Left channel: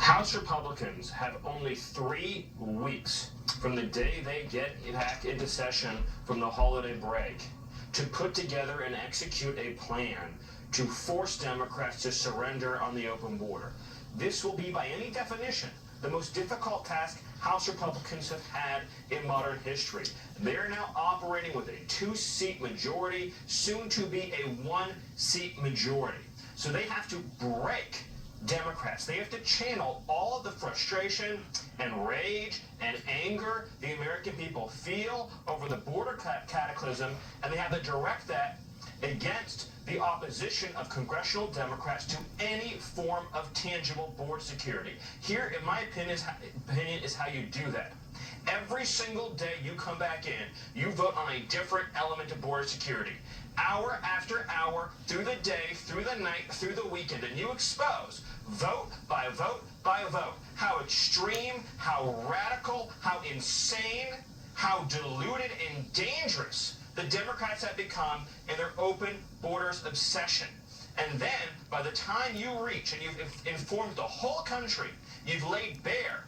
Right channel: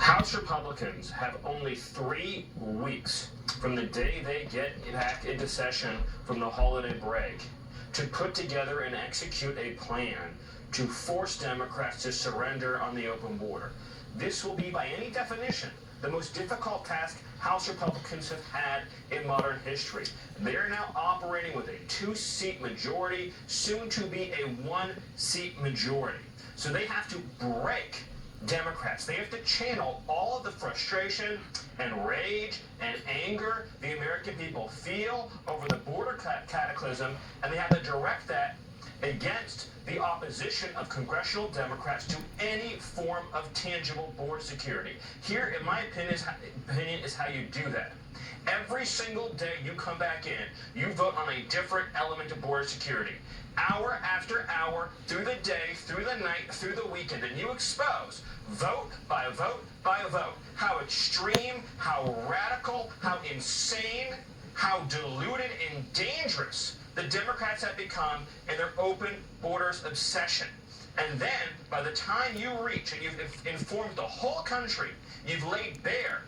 House Republicans have only 3 weeks from the day they get back into session from the holiday break to put together and execute a plan to force Democrats to surrender on the open border. This will be, by any definition, the most difficult task House Republicans have had in modern history. They are now operating with a 2-seat majority, soon to be a 1-seat majority. So they have to break Democrats. They have to channel all of the frustration and rage and anger the American people feel over the border cataclysm, and they have to direct that against the opposition of congressional Democrats to any form of tangible border security. Here, in my opinion, is how you do that. Every single day you come back in, you vote on a different element of border security. Hour after hour, through the day, through the night, through the weekend, and you expose, vote by vote by vote, how extreme, how radical, how insane, how diluted and dangerous the Democrats have become in their open borders obsession. And then, by the time you reach and you've informed the whole country, you've laid bare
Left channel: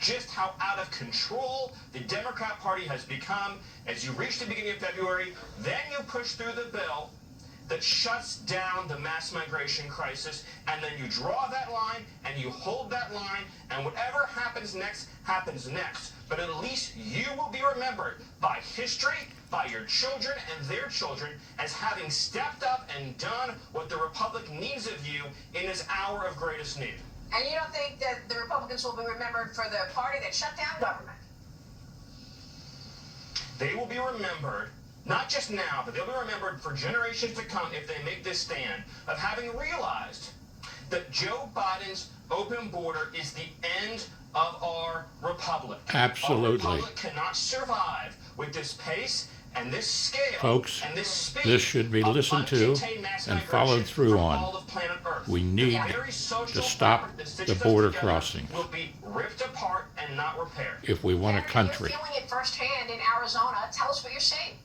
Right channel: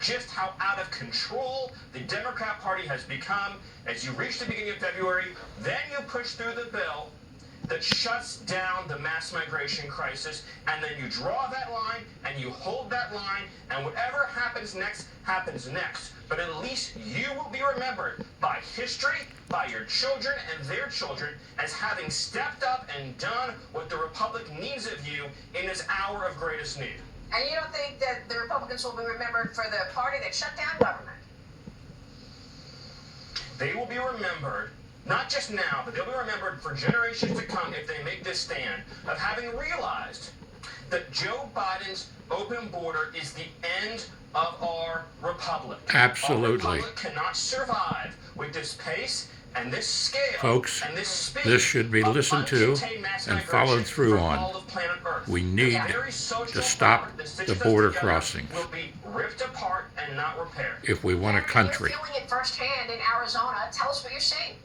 just how out of control the Democrat Party has become. As you reach the beginning of February, then you push through the bill that shuts down the mass migration crisis, and then you draw that line and you hold that line, and whatever happens next happens next. But at least you will be remembered by history, by your children and their children, as having stepped up and done what the Republic needs of you in this hour of greatest need. And you don't think that the Republicans will be remembered for the party that shut down government? They will be remembered, not just now, but they'll be remembered for generations to come if they make this stand of having realized that Joe Biden's open border is the end of our republic. Absolutely. Our republic cannot survive with this pace and this scale, folks, and this speed. This should be listened to and followed through on. We need to stop the border crossings will be ripped apart and not repaired. if we want a country. You're feeling it firsthand in Arizona. Tell us what you're seeing.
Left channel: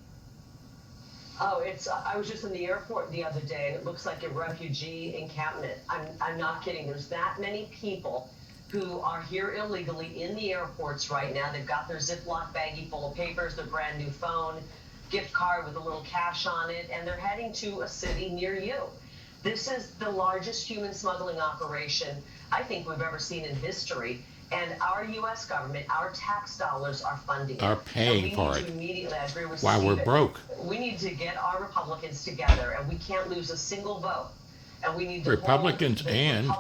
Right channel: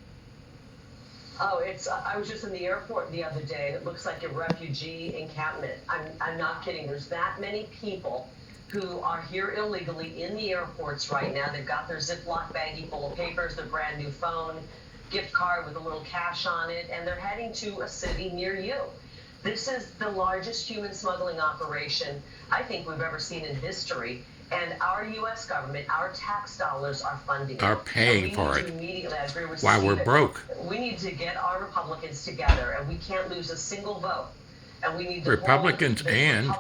Oh, I was just in the airport the other day, and it looks like a refugee encampment. I'm not kidding. There's that many people who are here illegally in the airports right now. They've got their Ziploc baggie full of papers, their brand new phone, gift card with a little cash on it, and they're heading to a city near you. This is the largest human smuggling operation I think we've ever seen in history. And our U.S. government, our tax dollars are funding it. Are paying for it. Immediately, I agree with While Stephen. we're broke. We need to get our Republicans together, and we can't lose a single vote. And we need to Republicans and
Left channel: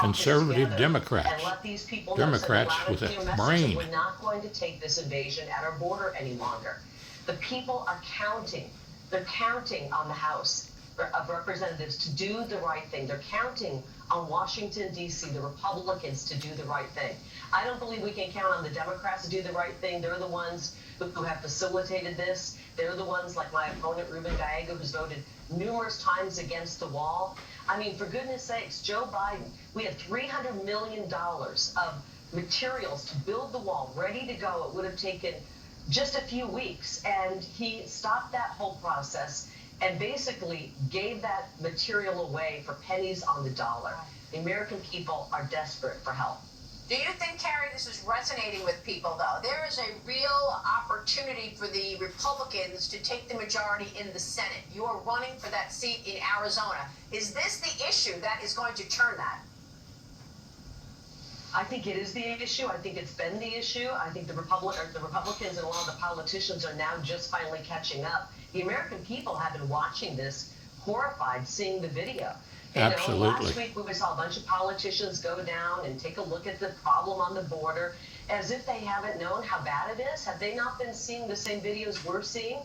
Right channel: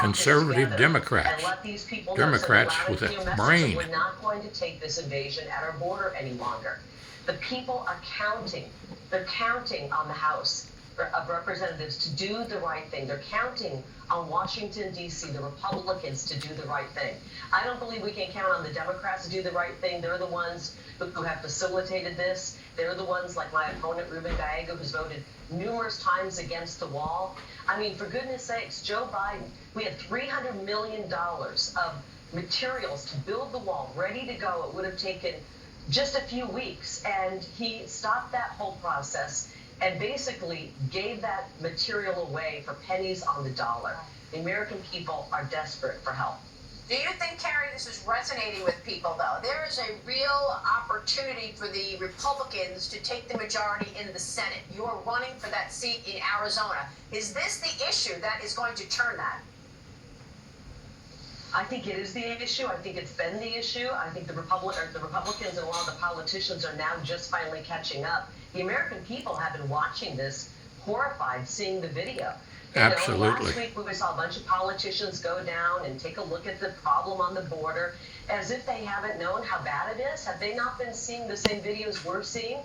conservative Democrats. And let these people Democrats with a brain. We're not going to take this invasion at our border any longer. The people are counting. They're counting on the House of Representatives to do the right thing. They're counting on Washington, D.C., the Republicans to do the right thing. I don't believe we can count on the Democrats to do the right thing. They're the ones who have facilitated this. They're the ones like my opponent, Ruben Gallego, who's voted numerous times against the wall. I mean, for goodness sakes, Joe Biden, we had $300 million of materials to build the wall, ready to go. It would have taken just a few weeks, and he stopped that whole process and basically gave that material away for pennies on the dollar. The American people are desperate for help. Do you think, Carrie, this is resonating with people, though? There is a real opportunity for the Republicans to take the majority in the Senate. You are running for that seat in Arizona. Is this the issue that is going to turn that? I think it is the issue. I think it's been the issue. I think the Republicans and a lot of the politicians are now just finally catching up. The American people have been watching this, horrified, seeing the video. Absolutely. Last week we saw a bunch of politicians go down and take a look at the problem on the border as if they haven't known how bad it is. Have they not been seeing the same videos we're seeing?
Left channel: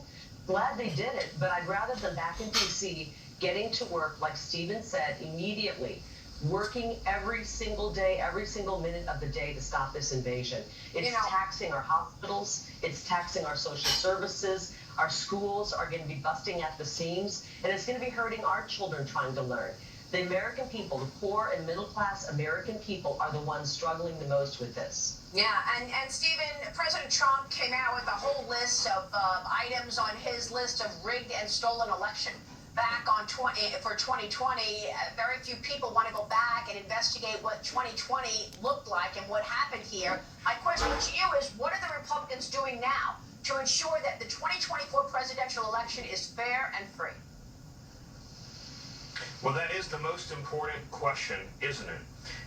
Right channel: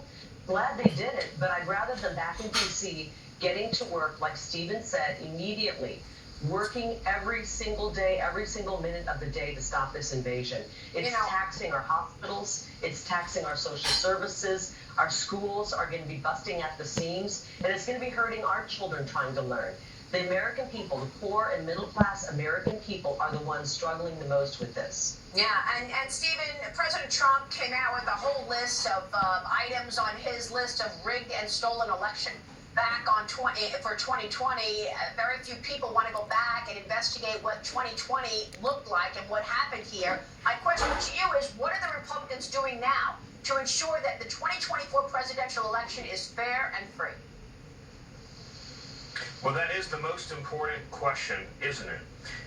Glad they did it, but I'd rather them back in D.C. getting to work, like Stephen said, immediately, working every single day, every single minute of the day to stop this invasion. It's taxing our hospitals, it's taxing our social services, our schools are going to be busting at the seams, and it's going to be hurting our children trying to learn. The American people, the poor and middle-class American people, are the ones struggling the most with this. Yeah, and Stephen, President Trump came out with a whole list of items on his list of rigged and stolen election. back on for 2020. Very few people want to go back and investigate what 2020 looked like and what happened here. My question to you is, what are the Republicans doing now to ensure that the 2024 presidential election is fair and free? Well, that is the most important question, isn't it?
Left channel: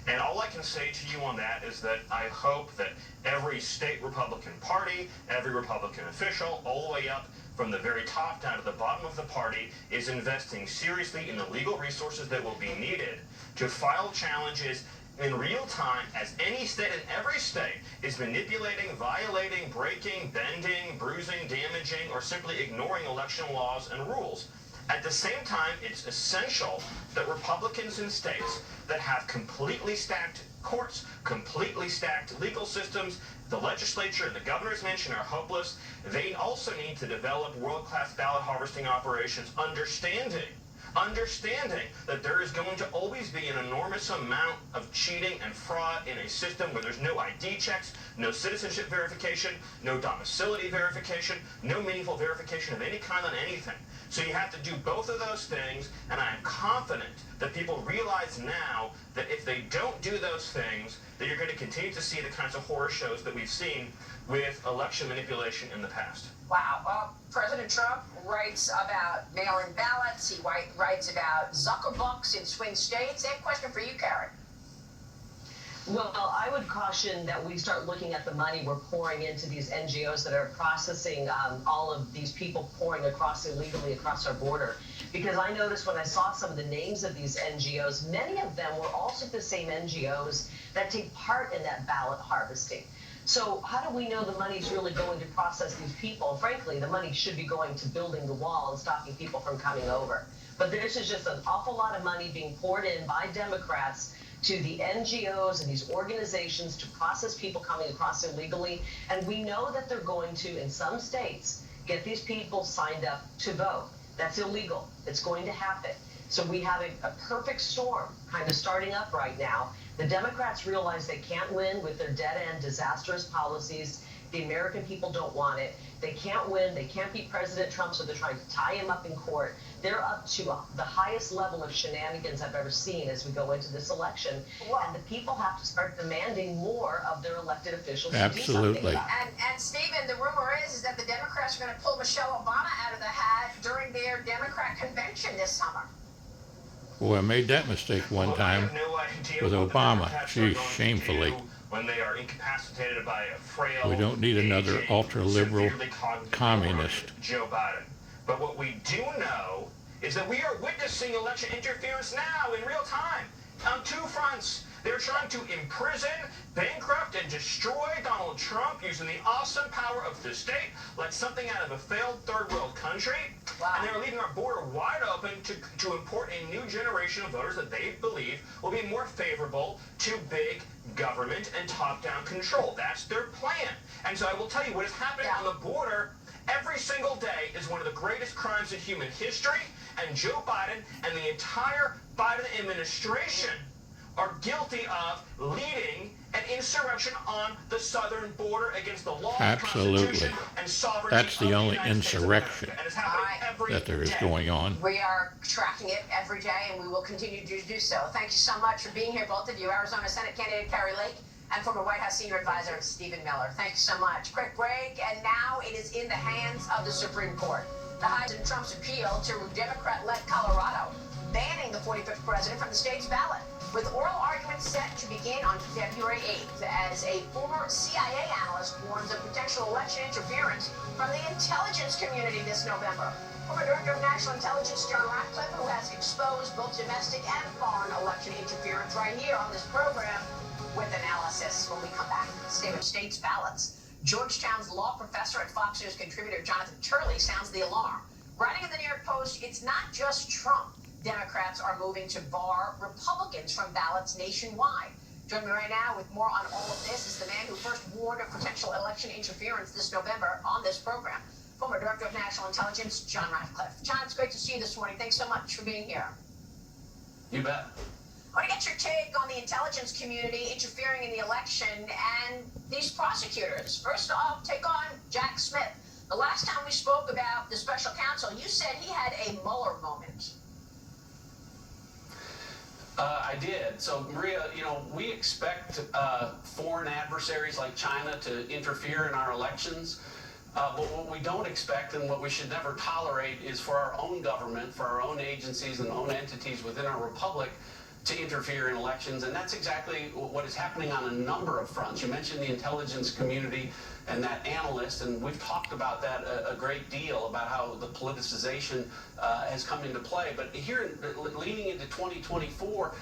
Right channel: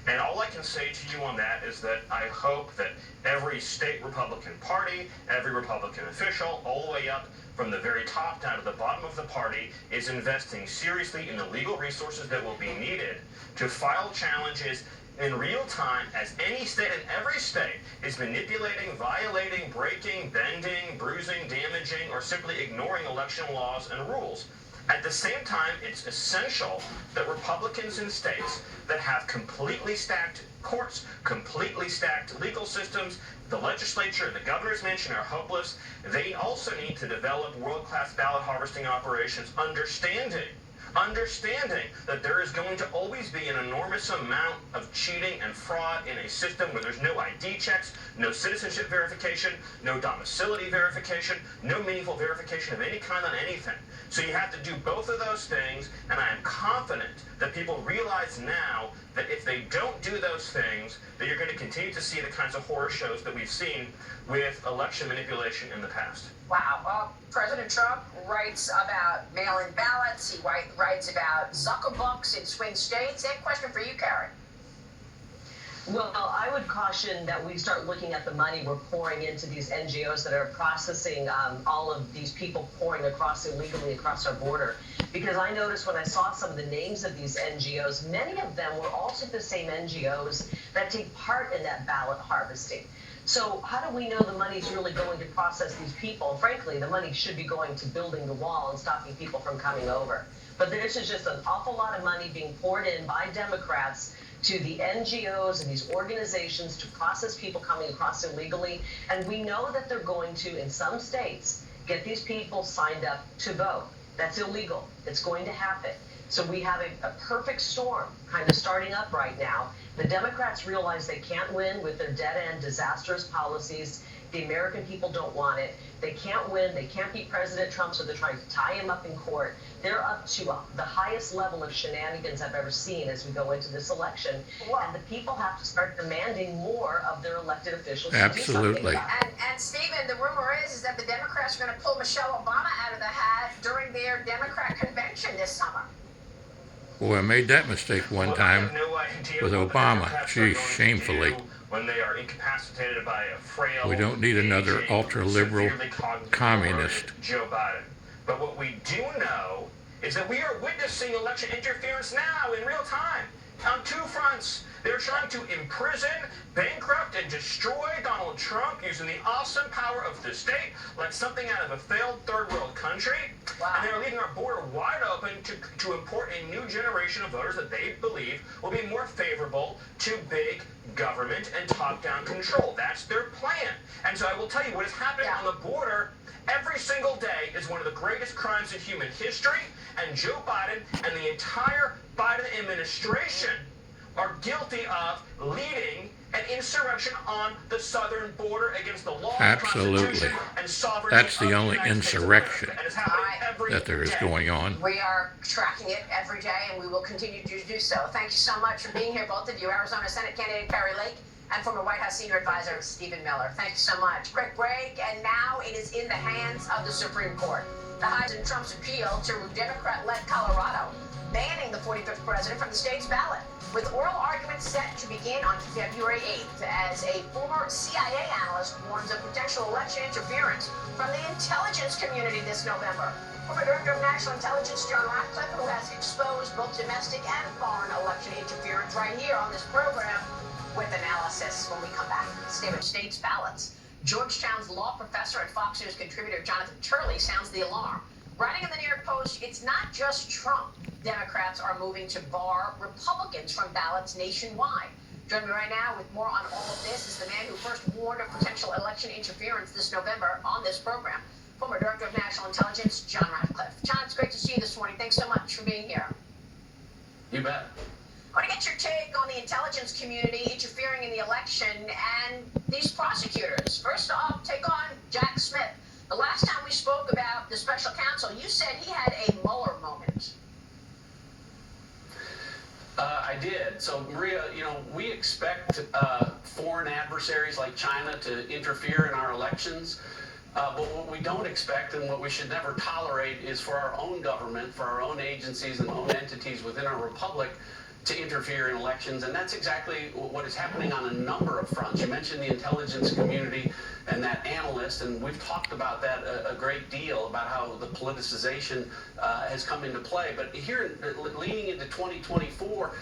And all I can say to you on that is that I hope that every state Republican party, every Republican official, all the way up from the very top down to the bottom of the party, is investing seriously in the legal resources that will be needed to file challenges in real time, as any state and every state is manipulating, violating, breaking, bending, bruising, damaging, or simply ignoring election laws and rules. At the same time, it's essential that Republicans in states that have completely stacked courts, completely stacked legal systems, the legislature and the governor's mansion are hopeless. They also need to develop world-class ballot harvesting operations, understanding that there is going to always be an enormous amount of cheating and fraud in a system where there's no ID checks, no citizenship verification, no domicility verification, no meaningful verification of any kind on anything. So you have to do both of those things, and I am confident that people realize now that if they don't do those things, that you're going to continue to see the kinds of horror shows that we've seen with election manipulation in the past. Wow. Well, President Trump writes about mail-in ballots. He writes about Zuckerbucks in swing states. Same question for you, Karen. Well, I would caution that we start looking at the money we're pouring into these NGOs that are processing all of these people pouring illegally across our border. Because I noticed when I saw some of the names of these NGOs, many of them were also the same NGOs that take part in that ballot harvesting. So how do we know the money's really going to process these people? Frankly, the money should be going to building the wall and stopping people from coming over. But this is just an awful lot of money being poured in by Democrats to the NGOs and these organizations to process people coming across illegally. And we know that they're going to, in some states, get these people signed up to vote. That's illegal. It's going to happen. So we have a perfect storm kind of starting up right now. The Democrats realize they can't win with their dead-end, disastrous policies. The American people don't want it. They can't win. They can't beat President Trump, so they're trying to tie him up in court. They're up to the highest level of shenanigans I've ever seen as we go into this election. Wow. And the people have to start demanding more of their elected officials. Absolutely. To do something about it. And Stephen, the rumor is that the Democrats are going to pull Michelle Obama out of the hat during their Democrat convention this summer. Boy, I made that mistake one time with Obama. Geez, shamefully. When they are incapacitated by a frail, we don't need another ultra-liberal communist. Joe Biden. But what we do know is that we are witnessing election interference now in real time on two fronts. They're trying to imprison, bankrupt, and destroy Donald Trump using the awesome power of the state like something out of a failed third world country. Wow. And they're leaving our border wide open to import a new generation of voters that they believe will be more favorable to big government and top-down control. That's their plan. And so I will tell you, what is happening on the border every single day is one of the greatest crimes in human history, and Joe Biden and the entire Biden administration are guilty of leading an insurrection on the southern border against the law, Constitution, and sovereignty. That's the only insurrection that there is going on. We are tracking it every day, and we will continue to do so. Thank you so much for being here, both of you. Arizona Senate candidate Kari Lake and former White House senior advisor Stephen Miller. Thank you so much. Quick break, and now it is in the hands of the Supreme Court. The highs in Trump's appeal to Democrat-led Colorado, banning the 45th president from the state's ballot, with oral arguments set to begin on February 8th, as a former CIA analyst warns of potential election interference from the intelligence community this November. Former Director of National Intelligence John Ratcliffe, who has exposed both domestic and foreign election interference right here on this program, with analysis when we come back. Stay with states' ballots. Georgetown's law professor and Fox News contributor Jonathan Turley sounds the alarm. Writing in the New York Post, it's not just Trump. Democrats are moving to bar Republicans from ballots nationwide. Joining me right now with more on all of this is the man who first warned of potential election interference this November on this program, former Director of National Intelligence, John Ratcliffe. John, it's great to see you this morning. Thanks so much for being here. You bet. I want to get your take on the intelligence community interfering in the election and these prosecutors. First off, take on Jack Smith. The last time we spoke about the special counsel, you said he had a Mueller moment. I did. So, Maria, we expect foreign adversaries like China to interfere in our elections. But what we don't expect and what we should never tolerate is for our own government, for our own agencies and own entities within our republic to interfere in elections. And that's exactly what is happening on a number of fronts. You mentioned the intelligence community and that analyst, and we've talked about that a great deal, about how the politicization has come into play. But here, leaning into 2024,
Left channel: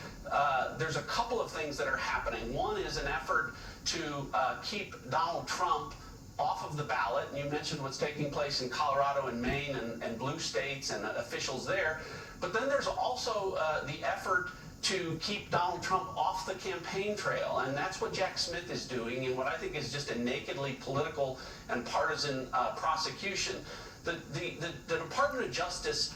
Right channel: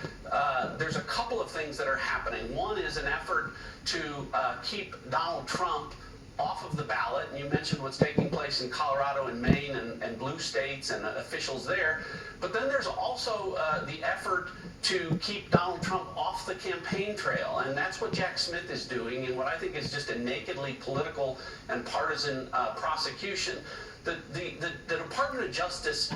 there's a couple of things that are happening. One is an effort to keep Donald Trump off of the ballot, and you mentioned what's taking place in Colorado and Maine and blue states and officials there. But then there's also the effort to keep Donald Trump off the campaign trail, and that's what Jack Smith is doing in what I think is just a nakedly political and partisan prosecution. The Department of Justice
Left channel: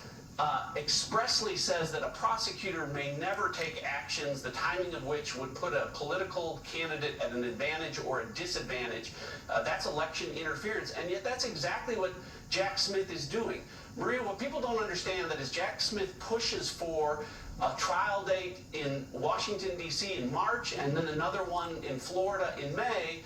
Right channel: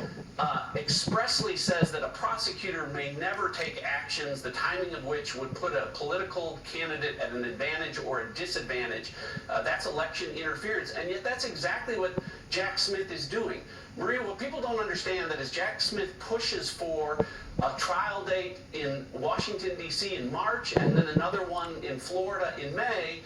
expressly says that a prosecutor may never take actions the timing of which would put a political candidate at an advantage or a disadvantage. That's election interference, and yet that's exactly what Jack Smith is doing. Maria, what people don't understand that as Jack Smith pushes for a trial date in Washington, D.C. in March and then another one in Florida in May,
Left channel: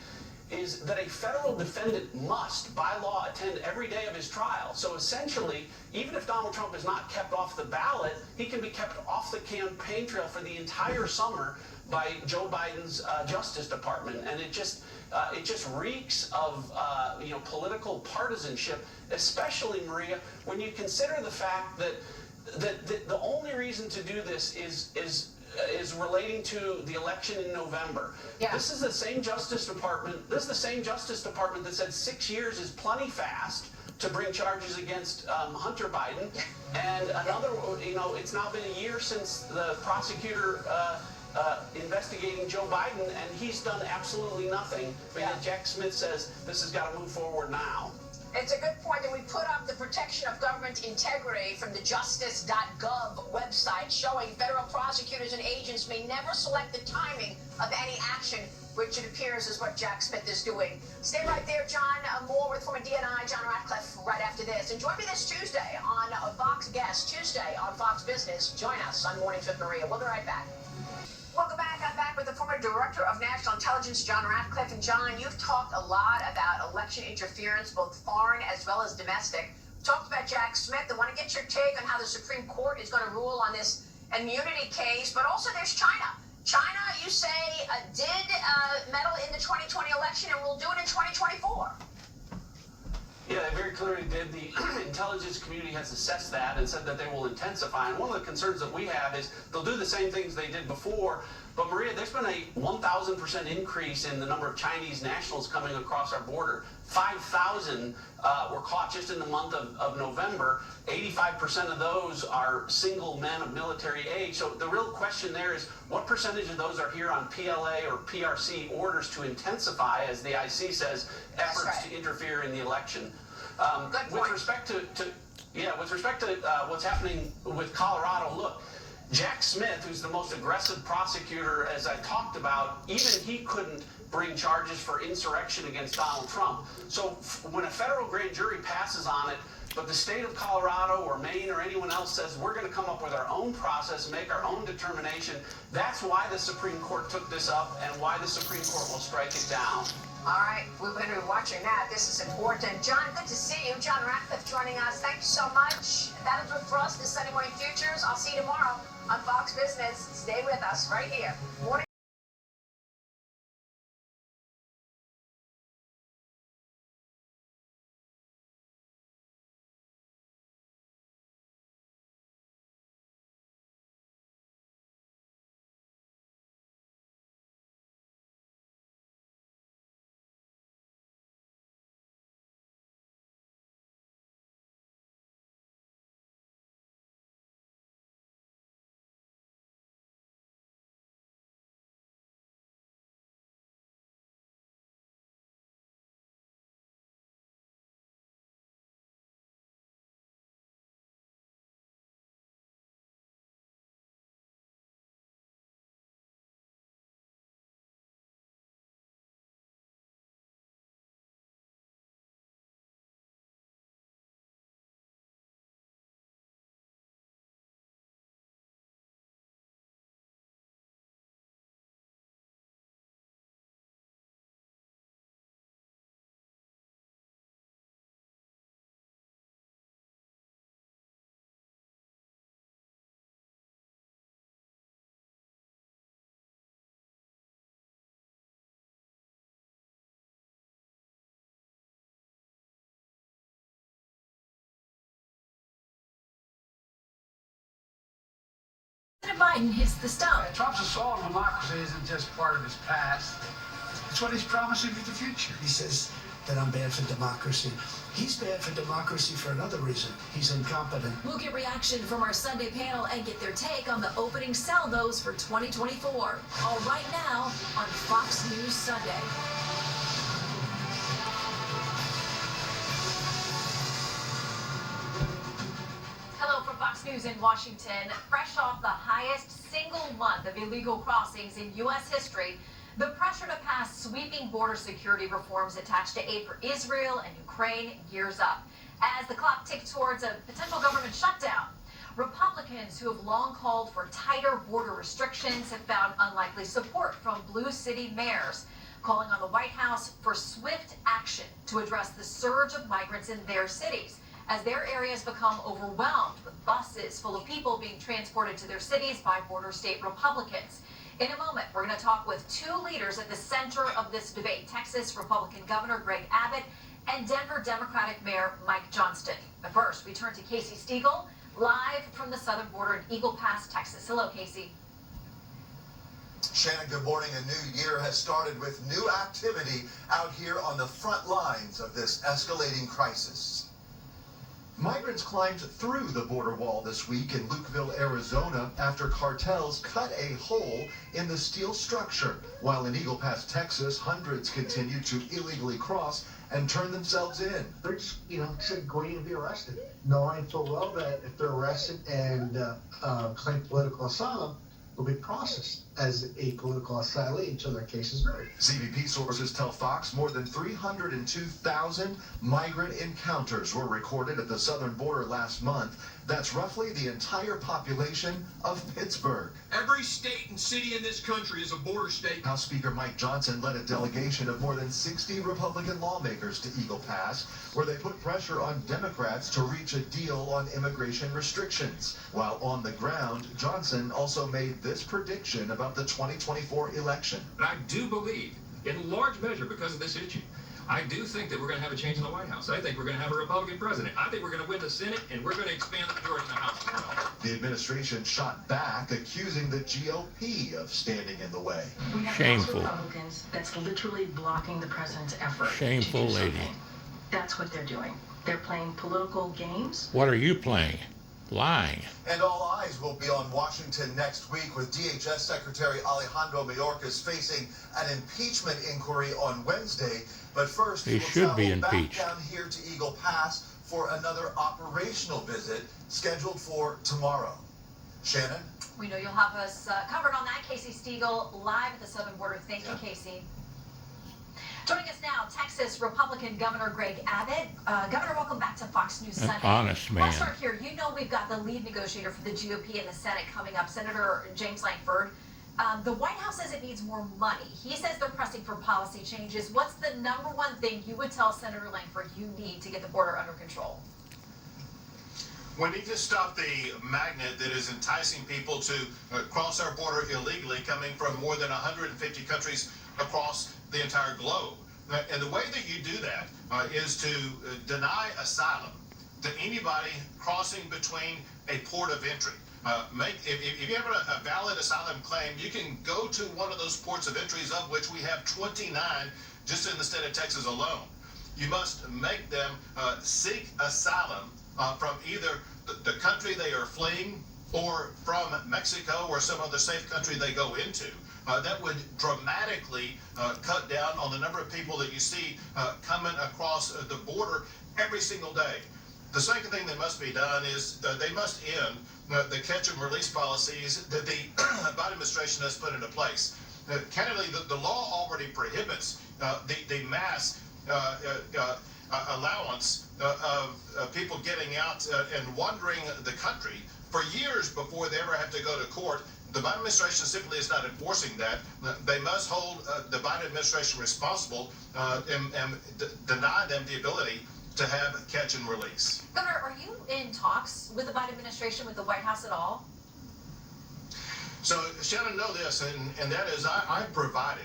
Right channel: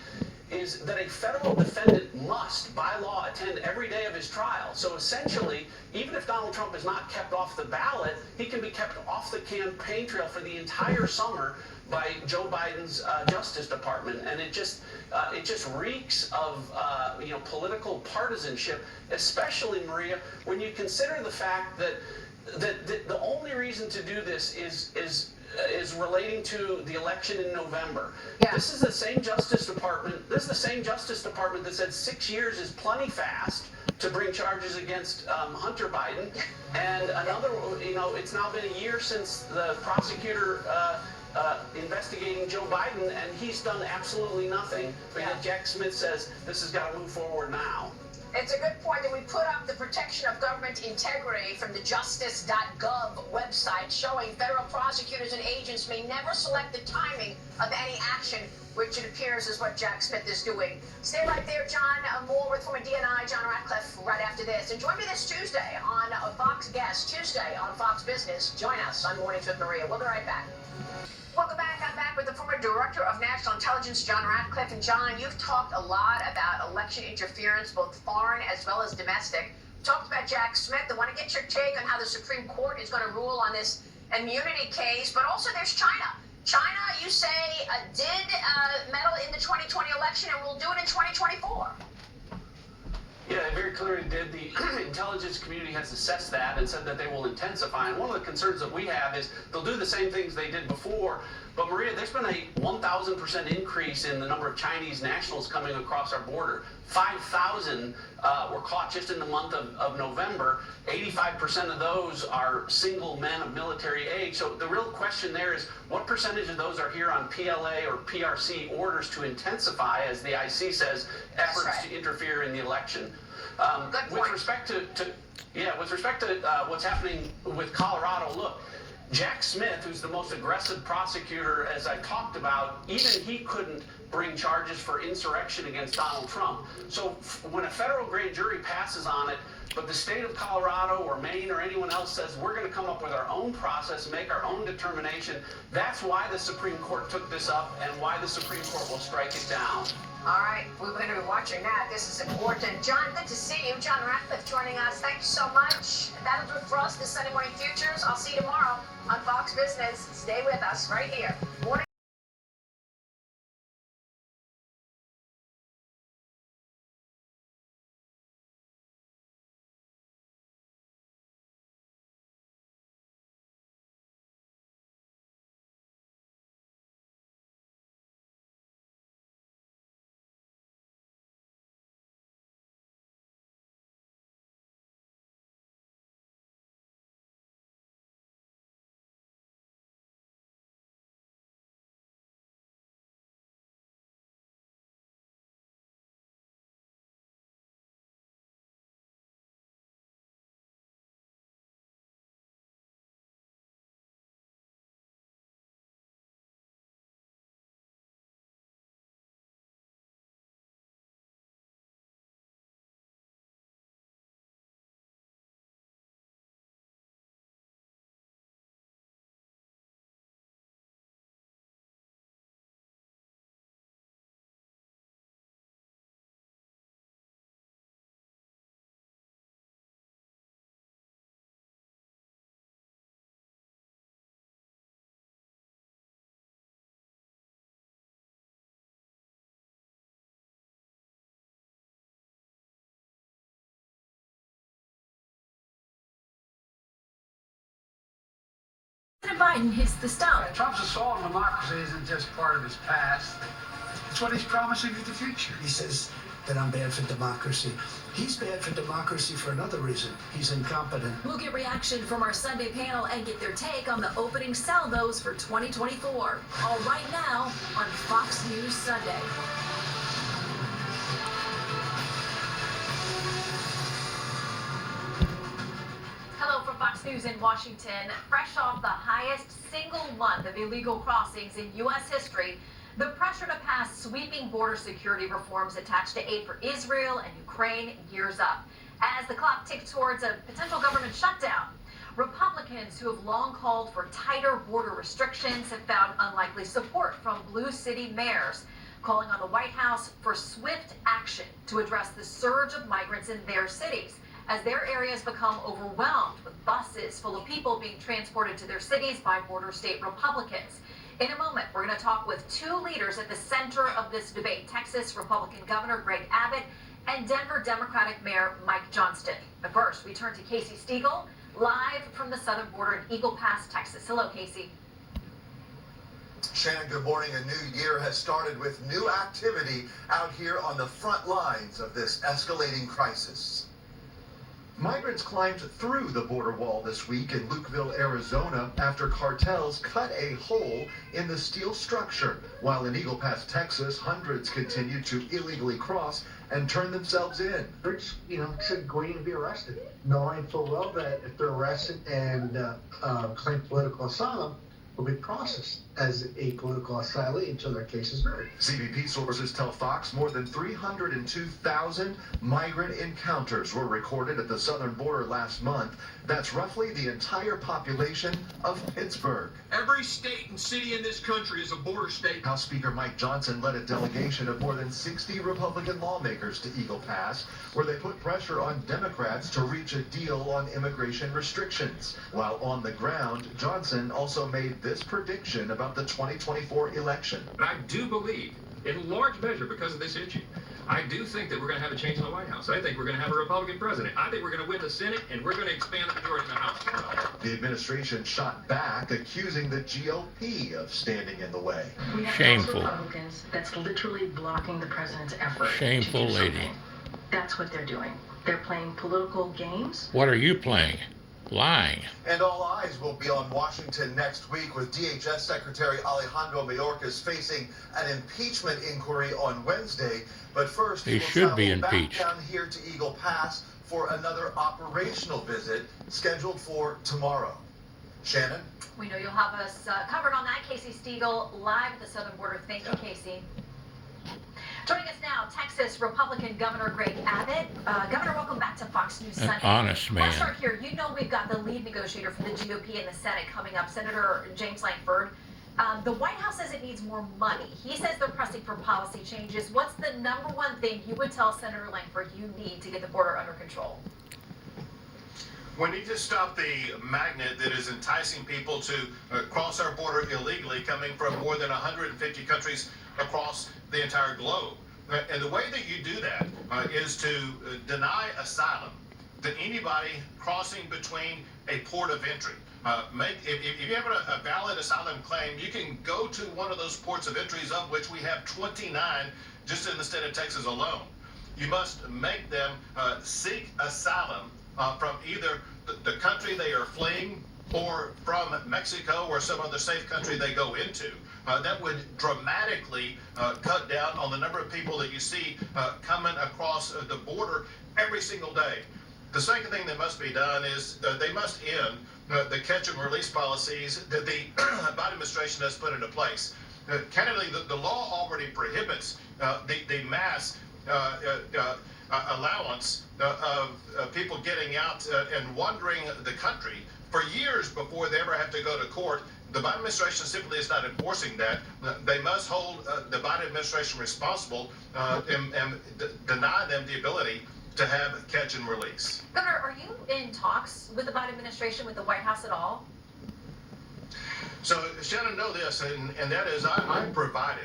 is that a federal defendant must, by law, attend every day of his trial. So essentially, even if Donald Trump is not kept off the ballot, he can be kept off the campaign trail for the entire summer by Joe Biden's Justice Department. And it just reeks of political partisanship, especially, Maria, when you consider the fact that the only reason to do this is relating to the election in November. Yeah. This is the same Justice Department. This is the same Justice Department that said 6 years is plenty fast to bring charges against Hunter Biden, and another. It's now been a year since the prosecutor investigating Joe Biden, and he's done absolutely nothing. But yet Jack Smith says this has got to move forward now. It's a good point that we put up the protection of government integrity from the justice.gov website, showing federal prosecutors and agents may never select the timing of any action, which it appears is what Jack Smith is doing. Stay right there, John. More with former DNI John Ratcliffe right after this. And join me this Tuesday on Fox Guest, Tuesday on Fox Business. Join us on Mornings with Maria. We'll be right back. Welcome back. I'm back with the former Director of National Intelligence, John Ratcliffe. And John, you've talked a lot about election interference, both foreign as well as domestic. Talked about Jack Smith. I want to get your take on how the Supreme Court is going to rule on this immunity case. But also there's China. China, you say, did meddle in the 2020 election and will do it in 2024. Yeah, they very clearly did. The intelligence community has assessed that and said that they will intensify. And one of the concerns that we have is they'll do the same things they did before. But Maria, there's been a 1,000% increase in the number of Chinese nationals coming across our border. 5,000 were caught just in the month of November. 85% of those are single men of military age. So the real question there is, what percentage of those are here on PLA or PRC orders to intensify, as the IC says, efforts to interfere in the election? With respect to what's happening with Colorado, look, Jack Smith, who's the most aggressive prosecutor, as I talked about, even he couldn't bring charges for insurrection against Donald Trump. So when a federal grand jury passes on it, but the state of Colorado or Maine or anyone else says we're going to come up with our own process, make our own determination, that's why the Supreme Court took this up and why the Supreme Court will strike it down. All right, we're going to be watching that. This is important. John, good to see you. John Ratcliffe joining us. Thank you so much. That'll do it for us this Sunday Morning Futures. I'll see you tomorrow on Fox Business. Stay with us right here. Morning. President Biden hits the stump. Trump's assault on democracy isn't just part of his past. It's what he's promising for the future. He says that I'm bad for democracy. He's bad for democracy for another reason. He's incompetent. We'll get reaction from our Sunday panel and get their take on the opening salvos for 2024. All right now on Fox News Sunday. Hello from Fox News in Washington. Fresh off the highest single month of illegal crossings in U.S. history, the pressure to pass sweeping border security reforms attached to aid for Israel and Ukraine gears up as the clock ticks towards a potential government shutdown. Republicans who have long called for tighter border restrictions have found unlikely support from blue city mayors, calling on the White House for swift action to address the surge of migrants in their cities as their areas become overwhelmed with buses full of people being transported to their cities by border state Republicans. In a moment, we're going to talk with two leaders at the center of this debate, Texas Republican Governor Greg Abbott and Denver Democratic Mayor Mike Johnston. But first, we turn to Casey Stiegel, live from the southern border in Eagle Pass, Texas. Hello, Casey. Shannon, good morning. A new year has started with new activity out here on the front lines of this escalating crisis. Migrants climbed through the border wall this week in Lukeville, Arizona, after cartels cut a hole in the steel structure. While in Eagle Pass, Texas, hundreds continue to illegally cross and turn themselves in. It's, going to be arrested, knowing full well that if they're arrested and claim political asylum, will be processed as a political asylee until their case is heard. CBP sources tell Fox more than 302,000 migrant encounters were recorded at the southern border last month. That's roughly the entire population of Pittsburgh. Every state and city in this country is a border state. House Speaker Mike Johnson led a delegation of more than 60 Republican lawmakers to Eagle Pass, where they put pressure on Democrats to reach a deal on immigration restrictions. While on the ground, Johnson also made this prediction about the 2024 election. But I do believe, in large measure because of this issue, I do think that we're going to have a change in the White House. I think we're going to have a Republican president. I think we're going to win the Senate, and we're going to expand the majority in the House. The administration shot back, accusing the GOP of standing in the way. We have Shameful. Republicans that's literally blocking the president's effort. Shameful to do lady. something. That's what they're doing. They're playing political games. What are you playing? Lying. And all eyes will be on Washington next week, with DHS Secretary Alejandro Mayorkas facing an impeachment inquiry on Wednesday. But first, He should be impeached. Back down here to Eagle Pass for another operational visit scheduled for tomorrow. Shannon? We know you'll have us covered on that. Casey Stiegel, live at the southern border. Thank you, Casey. Joining us now, Texas Republican Governor Greg Abbott. Governor, welcome back to Fox News Sunday. An honest man. Let's start here. You know we've got the lead negotiator for the GOP in the Senate coming up, Senator James Lankford. The White House says it needs more money. He says they're pressing for policy changes. What's the number one thing you would tell Senator Lankford you need to get the border under control? We need to stop the magnet that is enticing people to cross our border illegally, coming from more than 150 countries across the entire globe. And the way that you do that is to deny asylum to anybody crossing between a port of entry. If you have a valid asylum claim, you can go to one of those ports of entries, of which we have 29 just in the state of Texas alone. You must make them seek asylum from either the country they are fleeing or from Mexico or some other safe country they go into. That would dramatically cut down on the number of people that you see coming across the border every single day. The second thing that must be done is they must end the catch and release policies that the Biden administration has put into place. Candidly, the law already prohibits the mass allowance of people getting out and wandering the country for years before they ever have to go to court. The Biden administration simply is not enforcing that. They must hold the Biden administration responsible and deny them the ability to have catch and release. Governor, are you in talks with the Biden administration, with the White House at all? So, Shannon, know this, and that is I provided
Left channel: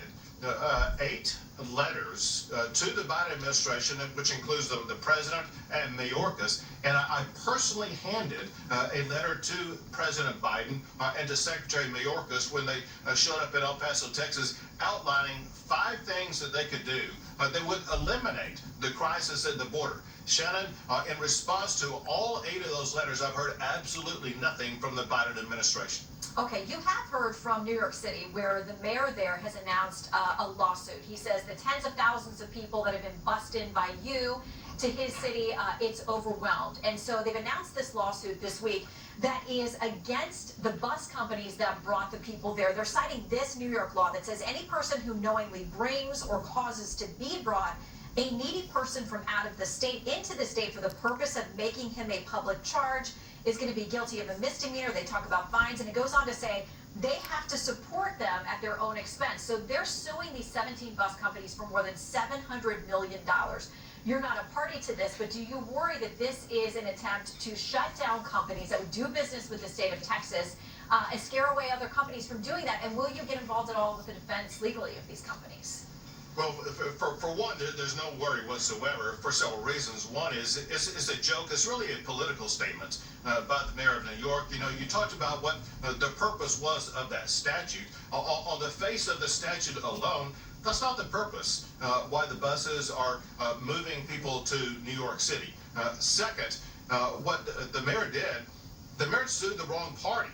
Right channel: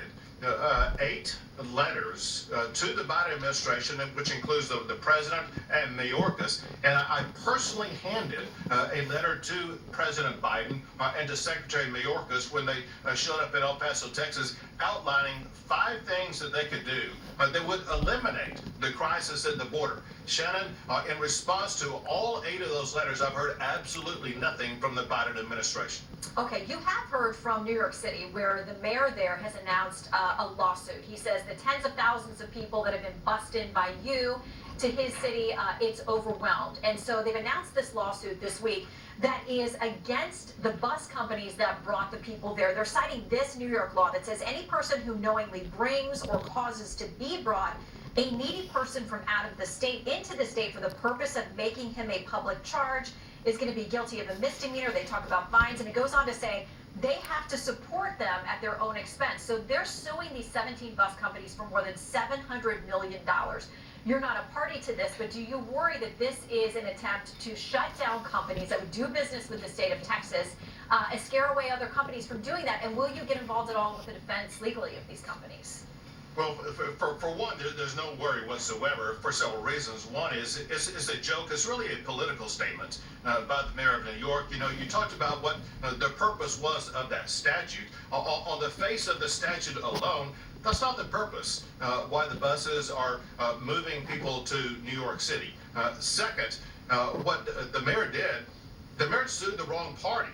8 letters to the Biden administration, which includes the president and Mayorkas, and I personally handed a letter to President Biden and to Secretary Mayorkas when they showed up in El Paso, Texas, outlining 5 things that they could do that would eliminate the crisis at the border. Shannon, in response to all 8 of those letters, I've heard absolutely nothing from the Biden administration. Okay, you have heard from New York City, where the mayor there has announced a lawsuit. He says the tens of thousands of people that have been bussed in by you to his city, it's overwhelmed. And so they've announced this lawsuit this week that is against the bus companies that brought the people there. They're citing this New York law that says any person who knowingly brings or causes to be brought a needy person from out of the state into the state for the purpose of making him a public charge is going to be guilty of a misdemeanor. They talk about fines, and it goes on to say they have to support them at their own expense. So they're suing these 17 bus companies for more than $700 million. You're not a party to this, but do you worry that this is an attempt to shut down companies that would do business with the state of Texas, and scare away other companies from doing that? And will you get involved at all with the defense legally of these companies? Well, for one, there's no worry whatsoever for several reasons. One is it's a joke. It's really a political statement by the mayor of New York. You know, you talked about what the purpose was of that statute. On the face of the statute alone, that's not the purpose why the buses are moving people to New York City. Second, what the mayor did, the mayor sued the wrong party.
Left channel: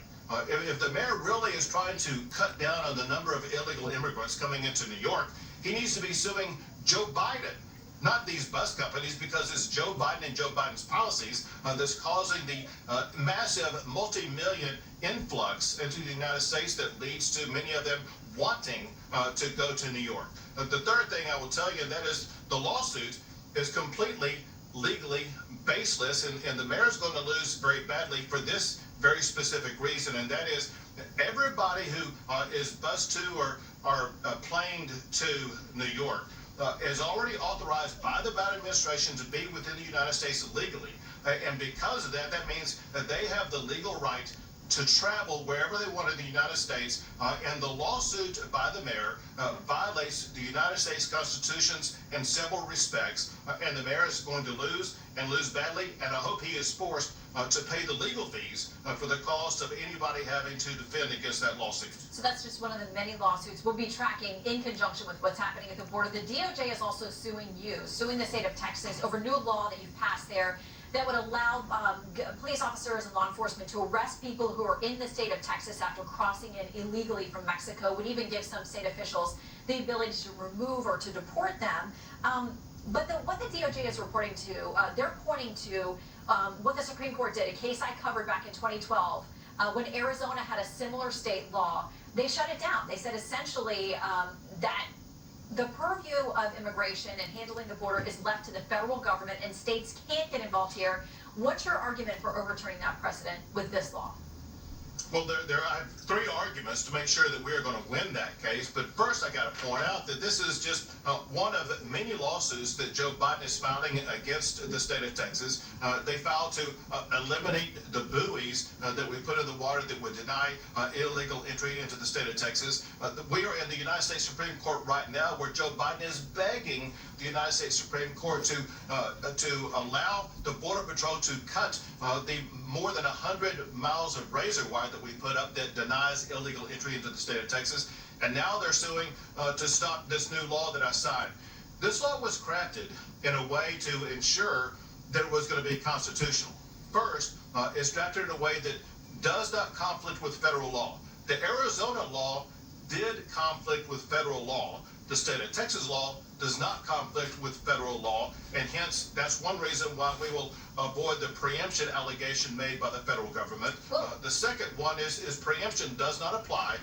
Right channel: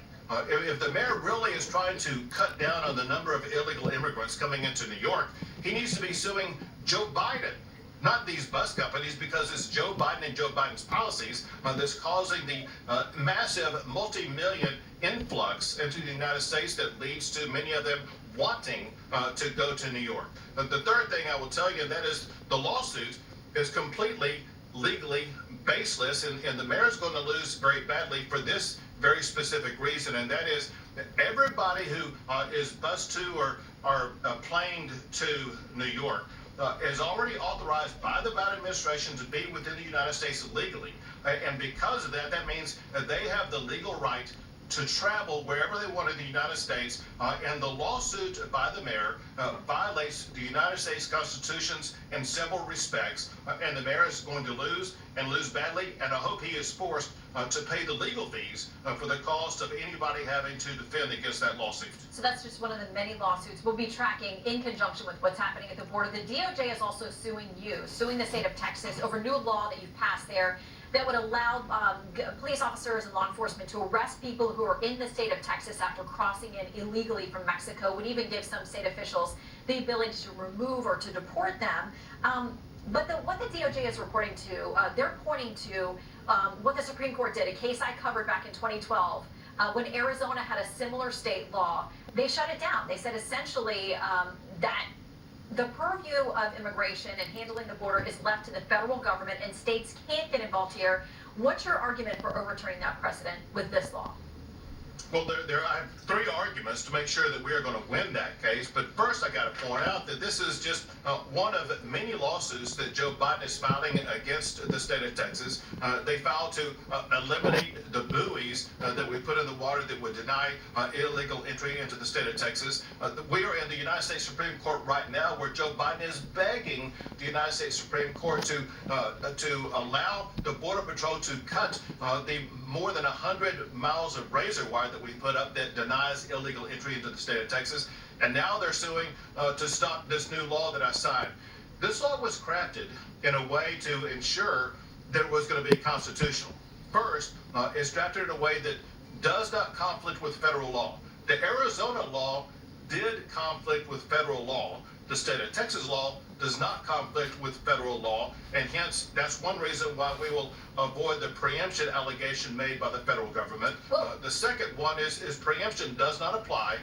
If the mayor really is trying to cut down on the number of illegal immigrants coming into New York, he needs to be suing Joe Biden, not these bus companies, because it's Joe Biden and Joe Biden's policies that's causing the massive multi-million influx into the United States that leads to many of them wanting to go to New York. The third thing I will tell you, and that is the lawsuit is completely legally baseless, and the mayor is going to lose very badly for this very specific reason, and that is everybody who is bused to or planed to New York is already authorized by the Biden administration to be within the United States legally. And because of that, that means that they have the legal right to travel wherever they want in the United States, and the lawsuit by the mayor violates the United States Constitutions in several respects, and the mayor is going to lose and lose badly, and I hope he is forced to pay the legal fees for the cost of anybody having to defend against that lawsuit. So that's just one of the many lawsuits we'll be tracking in conjunction with what's happening at the border. The DOJ is also suing the state of Texas over new law that you've passed there that would allow police officers and law enforcement to arrest people who are in the state of Texas after crossing in illegally from Mexico, would even give some state officials the ability to remove or to deport them. But what the DOJ is reporting to, they're pointing to what the Supreme Court did, a case I covered back in 2012, when Arizona had a similar state law. They shut it down. They said essentially that the purview of immigration and handling the border is left to the federal government, and states can't get involved here. What's your argument for overturning that precedent with this law? Well, I have 3 arguments to make sure that we are going to win that case. But first, I got to point out that this is just one of many lawsuits that Joe Biden is filing against the state of Texas. They filed to eliminate the buoys that we put in the water that would deny illegal entry into the state of Texas. We are in the United States Supreme Court right now, where Joe Biden is begging the United States Supreme Court to allow the Border Patrol to cut the more than 100 miles of razor wire that we put up that denies illegal entry into the state of Texas. And now they're suing to stop this new law that I signed. This law was crafted in a way to ensure that it was going to be constitutional. First, it's drafted in a way that does not conflict with federal law. The Arizona law did conflict with federal law. The state of Texas law does not conflict with federal law, and hence that's one reason why we will avoid the preemption allegation made by the federal government. The second one is preemption does not apply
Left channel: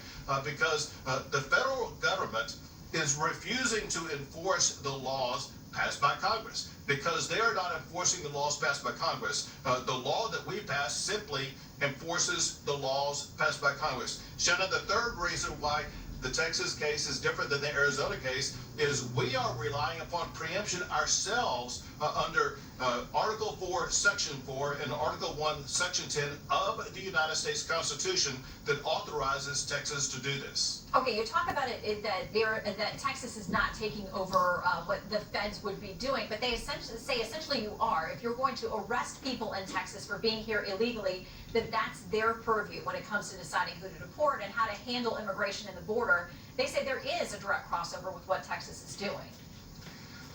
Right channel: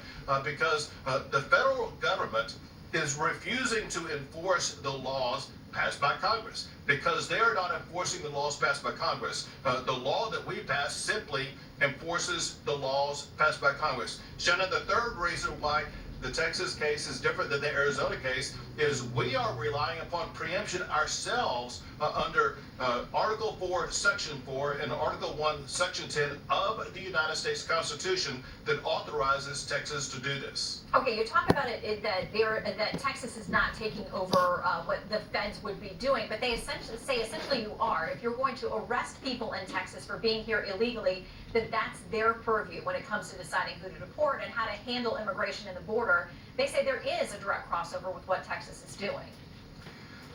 because the federal government is refusing to enforce the laws passed by Congress, because they are not enforcing the laws passed by Congress. The law that we pass simply enforces the laws passed by Congress. Shannon, the third reason why the Texas case is different than the Arizona case is we are relying upon preemption ourselves under Article 4, Section 4, and Article 1, Section 10 of the United States Constitution that authorizes Texas to do this. Okay, you talk about it that Texas is not taking over what the feds would be doing, but they essentially you are. If you're going to arrest people in Texas for being here illegally, then that's their purview when it comes to deciding who to deport and how to handle immigration and the border. They say there is a direct crossover with what Texas is doing.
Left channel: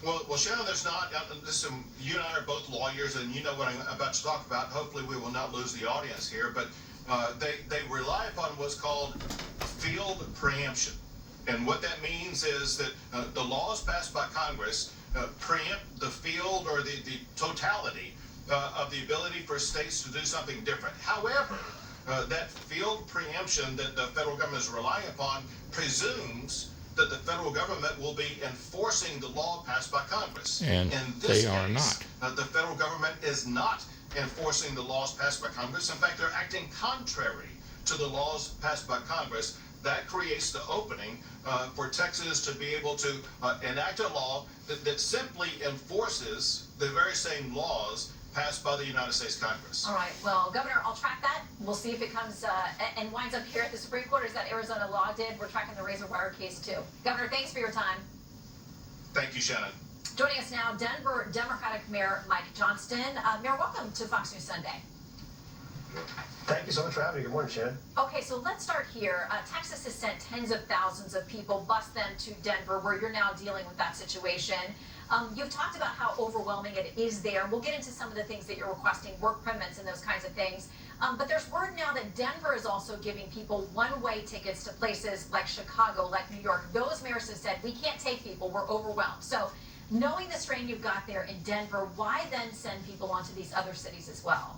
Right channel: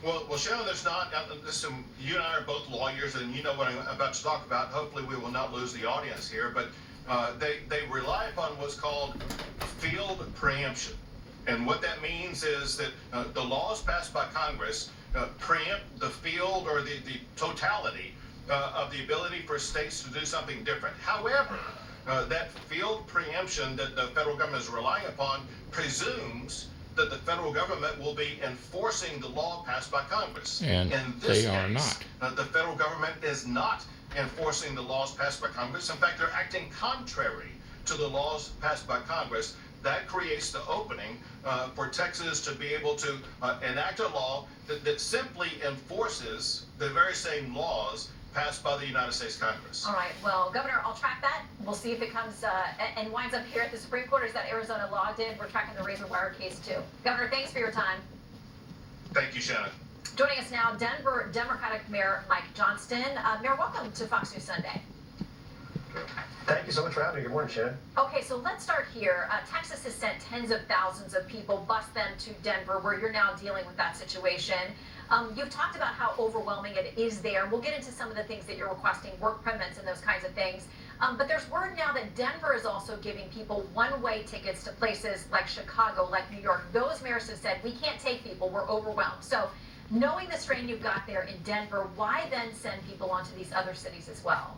Well, Shannon, there's not. Listen, you and I are both lawyers, and you know what I'm about to talk about. Hopefully, we will not lose the audience here, but they rely upon what's called field preemption. And what that means is that the laws passed by Congress preempt the field or the totality of the ability for states to do something different. However, that field preemption that the federal government is relying upon presumes that the federal government will be enforcing the law passed by Congress. And in this they are case, not. The federal government is not enforcing the laws passed by Congress. In fact, they're acting contrary to the laws passed by Congress. That creates the opening for Texas to be able to enact a law that simply enforces the very same laws passed by the United States Congress. All right, well, Governor, I'll track that. We'll see if it comes and winds up here at the Supreme Court, as that Arizona law did. We're tracking the razor wire case, too. Governor, thanks for your time. Thank you, Shannon. Joining us now, Denver Democratic Mayor Mike Johnston. Mayor, welcome to Fox News Sunday. Thank you so much for having me. Good morning, Shannon. Okay, so let's start here. Texas has sent tens of thousands of people, bus them to Denver, where you're now dealing with that situation. You've talked about how overwhelming it is there. We'll get into some of the things that you're requesting, work permits and those kinds of things. But there's word now that Denver is also giving people one-way tickets to places like Chicago, like New York. Those mayors have said, we can't take people, we're overwhelmed. So knowing the strain you've got there in Denver, why then send people onto these other cities as well?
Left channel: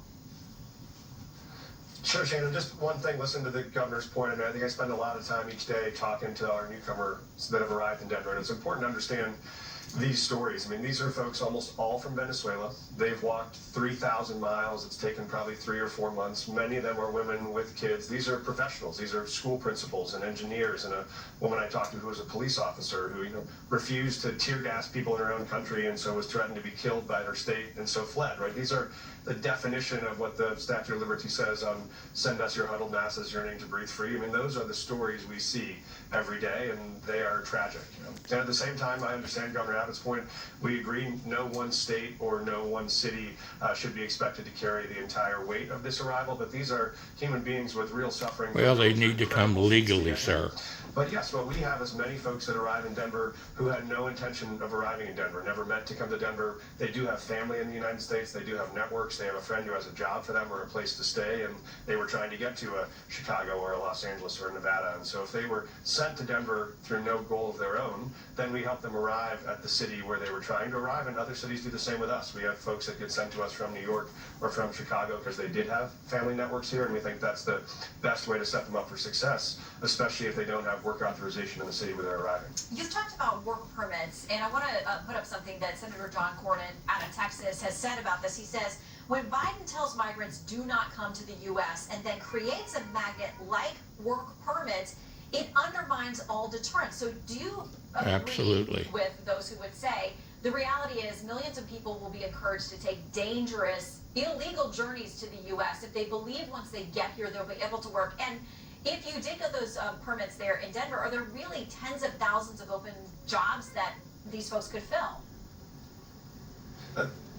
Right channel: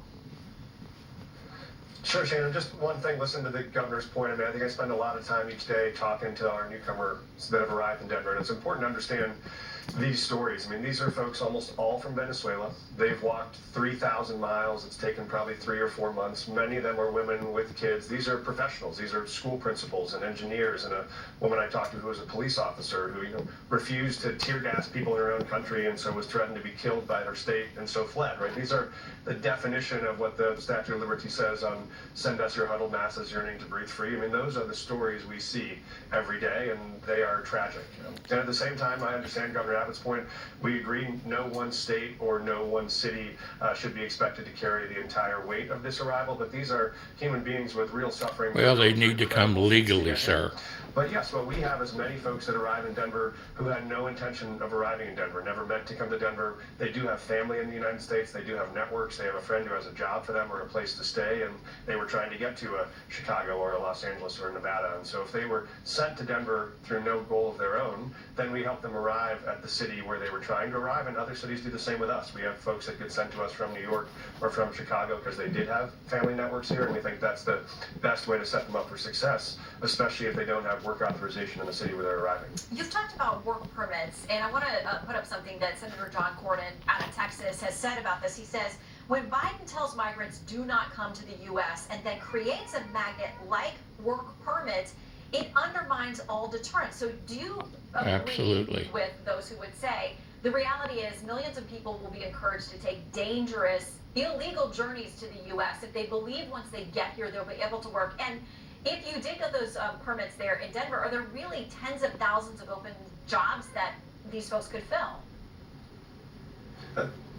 Sure, Shannon. Just one thing, listen to the governor's point. I think I spend a lot of time each day talking to our newcomers that have arrived in Denver, and it's important to understand these stories. These are folks almost all from Venezuela. They've walked 3,000 miles. It's taken probably 3 or 4 months. Many of them are women with kids. These are professionals. These are school principals and engineers, and a woman I talked to who was a police officer who refused to tear gas people in her own country and so was threatened to be killed by her state and so fled. Right? These are the definition of what the Statute of Liberty says on send us your huddled masses yearning to breathe free. Those are the stories we see every day, and they are tragic. And at the same time, I understand Governor Abbott's point. We agree no one state or no one city should be expected to carry the entire weight of this arrival, but these are human beings with real suffering. Well, they need to come legally, sir. But yes, what we have is many folks that arrive in Denver who had no intention of arriving in Denver, never meant to come to Denver. They do have family in the United States. They do have networks. They have a friend who has a job for them or a place to stay, and they were trying to get to a Chicago or a Los Angeles or Nevada. And so if they were sent to Denver through no goal of their own, then we help them arrive at the city where they were trying to arrive, and other cities do the same with us. We have folks that get sent to us from New York or from Chicago because they did have family networks here, and we think that's the best way to set them up for success, especially if they don't have work authorization in the city where they're arriving. You've talked about work permits, and I want to put up something that Senator John Cornyn out of Texas has said about this. He says, when Biden tells migrants do not come to the U.S. and then creates a magnet like work permits, it undermines all deterrence. So do you agree with those who would say the reality is millions of people will be encouraged to take dangerous, illegal journeys to the U.S. if they believe once they get here they'll be able to work? And if you did get those permits there in Denver, are there really tens of thousands of open jobs that these folks could fill?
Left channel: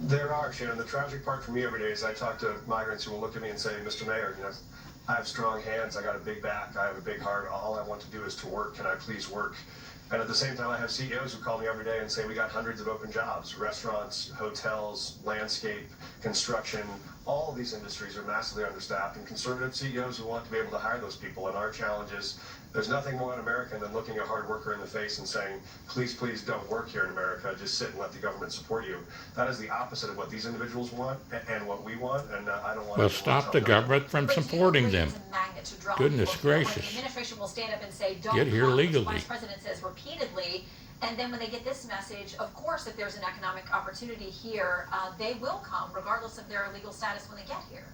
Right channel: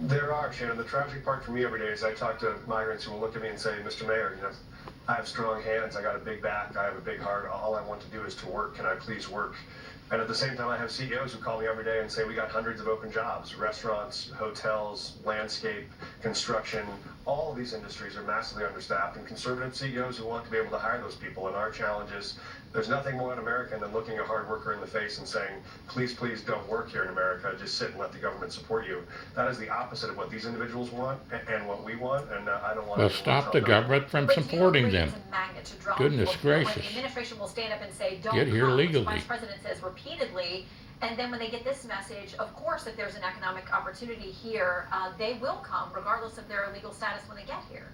There are, Shannon. The tragic part for me every day is I talk to migrants who will look at me and say, Mr. Mayor, I have strong hands, I got a big back, I have a big heart, all I want to do is to work, can I please work? And at the same time, I have CEOs who call me every day and say, we got hundreds of open jobs, restaurants, hotels, landscape, construction, all of these industries are massively understaffed, and conservative CEOs who want to be able to hire those people. And our challenge is, there's nothing more un-American than looking a hard worker in the face and saying, please, please don't work here in America, just sit and let the government support you. That is the opposite of what these individuals want and what we want, and I don't want to... Well, stop the government from supporting them. Goodness gracious. The administration will stand up and say, don't get here come, legally. which the Vice President says repeatedly. And then when they get this message, of course, if there's an economic opportunity here, they will come, regardless of their legal status when they get here.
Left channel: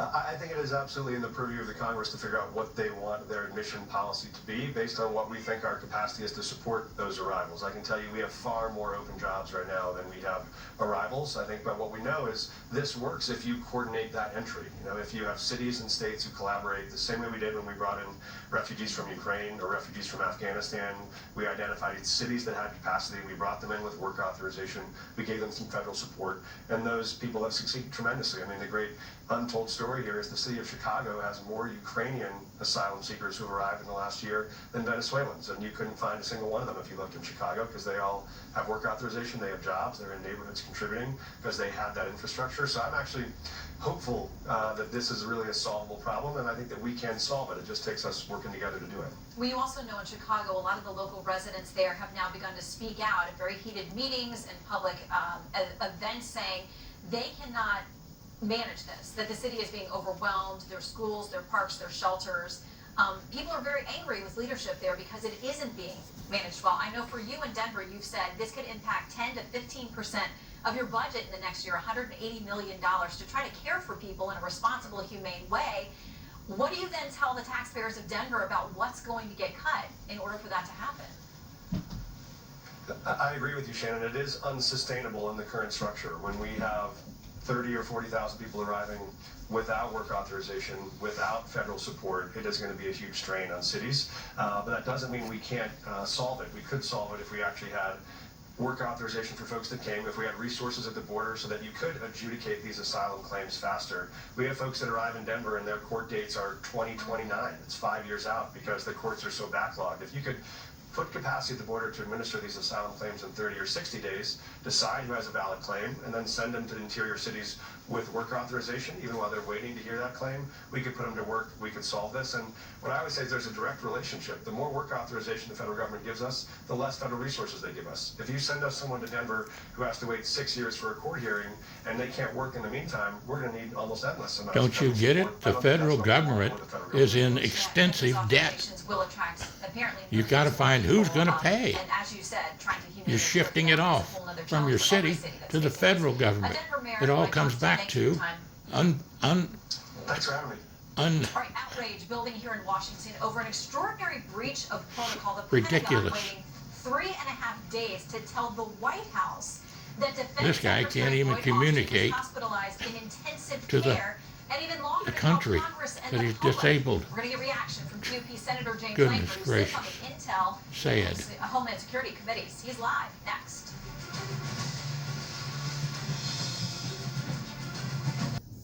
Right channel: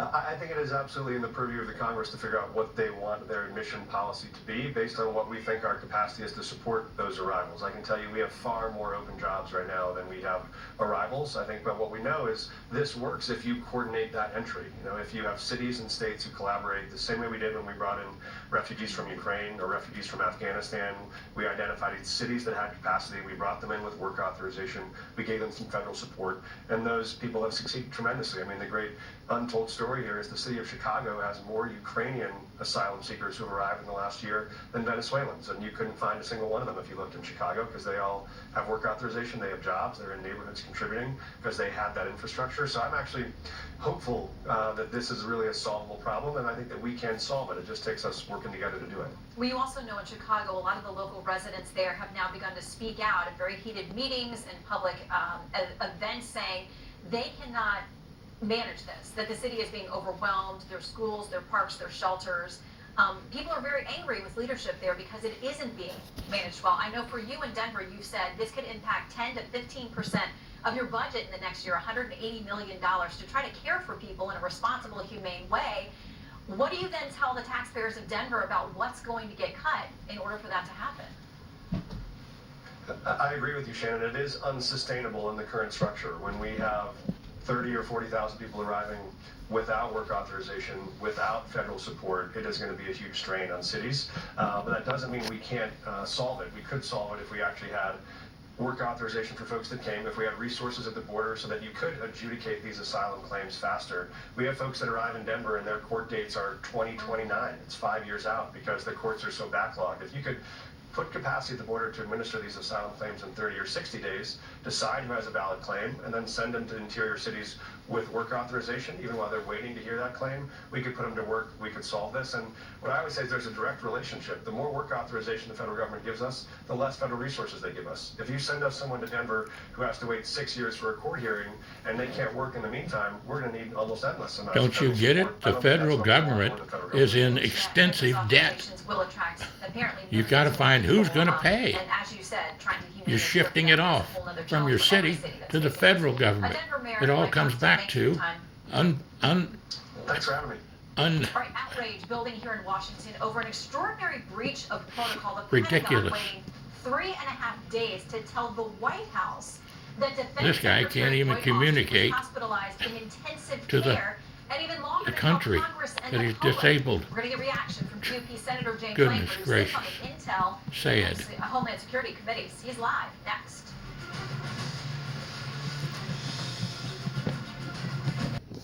I think it is absolutely in the purview of the Congress to figure out what they want their admission policy to be based on what we think our capacity is to support those arrivals. I can tell you we have far more open jobs right now than we have arrivals, I think, but what we know is this works if you coordinate that entry. You know, if you have cities and states who collaborate the same way we did when we brought in refugees from Ukraine or refugees from Afghanistan. We identified cities that had capacity. We brought them in with work authorization. We gave them some federal support, and those people have succeeded tremendously. I mean, the great untold story here is the city of Chicago has more Ukrainian asylum seekers who arrived in the last year than Venezuelans, and you couldn't find a single one of them if you looked in Chicago because they all have work authorization, they have jobs, they're in neighborhoods contributing because they have that infrastructure. So I'm actually hopeful that this is really a solvable problem, and I think that we can solve it. It just takes us working together to do it. Well, you also know in Chicago, a lot of the local residents there have now begun to speak out in very heated meetings and public events saying they cannot manage this, that the city is being overwhelmed, their schools, their parks, their shelters. People are very angry with leadership there because it isn't being managed well. I know for you in Denver, you've said this could impact 10 to 15% of your budget in the next year, $180 million to try to care for people in a responsible, humane way. What do you then tell the taxpayers of Denver about what's going to get cut in order for that to happen? I agree with you, Shannon. It is unsustainable in the current structure. When we have 30 or 40,000 people arriving without work authorization, without federal support, it is going to be a huge strain on cities. But that doesn't mean we can't solve it. We could solve it if we actually had work authorization for folks that came, if we had resources at the border so that you could adjudicate these asylum claims faster. We have folks that arrive in Denver and their court dates are 2029. It's 5 years out because the courts are so backlogged. If you could put capacity at the border to administer these asylum claims in 30 or 60 days, decide who has a valid claim, and then send them to interior cities with work authorization, even while they're waiting to hear that claim, we could put them to work, we could solve this. And what I always say is there's a direct relationship. The more work authorization the federal government gives us, the less federal resources they give us. If you send us someone to Denver who has to wait 6 years for a court hearing and they can't work in the meantime, we're going to need almost endless amounts. Don't you get it? The federal government is in extensive debt. You've got to find who's going to pay. And as you said, trying to You're shifting it off from your city to the federal government. It all comes back to Thanks for having me. outrage building here in Washington over an extraordinary breach of protocol. The Ridiculous. Pentagon waiting 3.5 days to tell the White House that Defense This guy Secretary can't even Lloyd communicate Austin was hospitalized in intensive to care, and even longer the to tell country Congress and that the he's public. disabled. We're going to get reaction from GOP Senator James Goodness Langford, who gracious. sits on the Intel Sad. and Homeland Security committees. He's live next.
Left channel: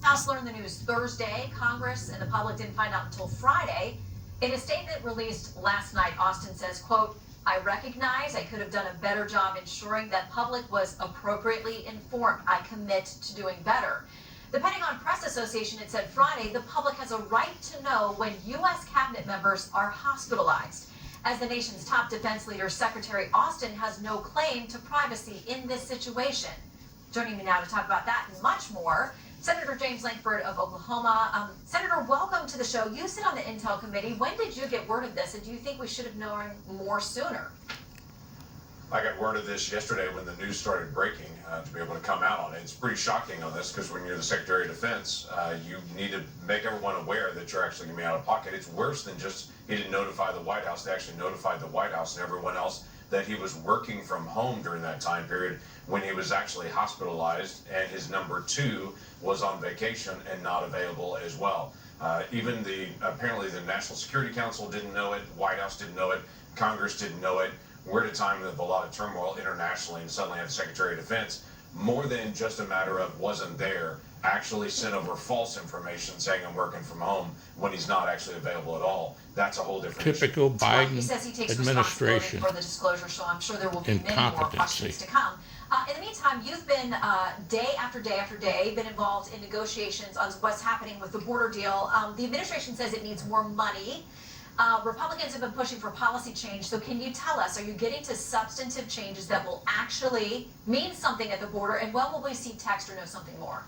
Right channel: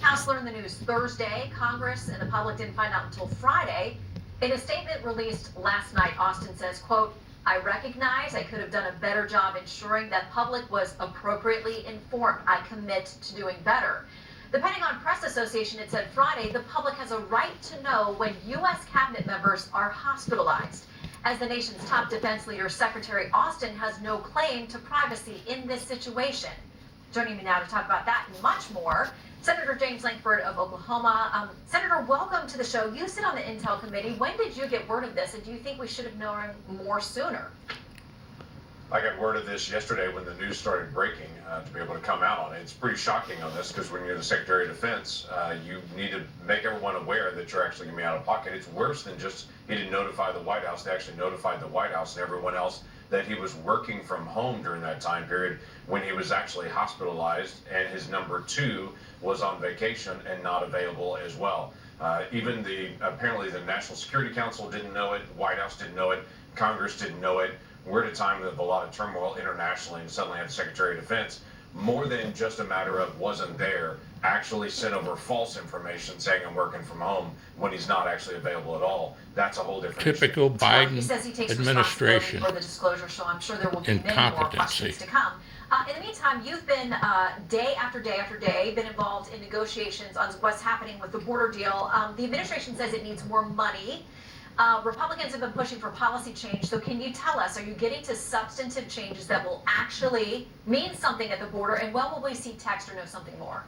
House learned the news Thursday. Congress and the public didn't find out until Friday. In a statement released last night, Austin says, quote, I recognize I could have done a better job ensuring that public was appropriately informed. I commit to doing better. The Pentagon Press Association had said Friday the public has a right to know when U.S. cabinet members are hospitalized. As the nation's top defense leader, Secretary Austin has no claim to privacy in this situation. Joining me now to talk about that and much more, Senator James Langford of Oklahoma. Senator, welcome to the show. You sit on the Intel Committee. When did you get word of this, and do you think we should have known more sooner? I got word of this yesterday when the news started breaking to be able to come out on it. It's pretty shocking on this because when you're the Secretary of Defense, you need to make everyone aware that you're actually going to be out of pocket. It's worse than just he didn't notify the White House. They actually notified the White House and everyone else that he was working from home during that time period when he was actually hospitalized, and his number 2 was on vacation and not available as well. Even apparently the National Security Council didn't know it, the White House didn't know it, Congress didn't know it. We're at a time of a lot of turmoil internationally, and suddenly have the Secretary of Defense, more than just a matter of wasn't there, actually sent over false information saying I'm working from home when he's not actually available at all. That's a whole different Typical issue. Biden He says he takes administration responsibility for the disclosure, so I'm sure there will be many more questions to come. In the meantime, you've been day after day after day been involved in negotiations on what's happening with the border deal. The administration says it needs more money. Republicans have been pushing for policy change. So can you tell us, are you getting to substantive changes that will actually mean something at the border? And when will we see text or know something more?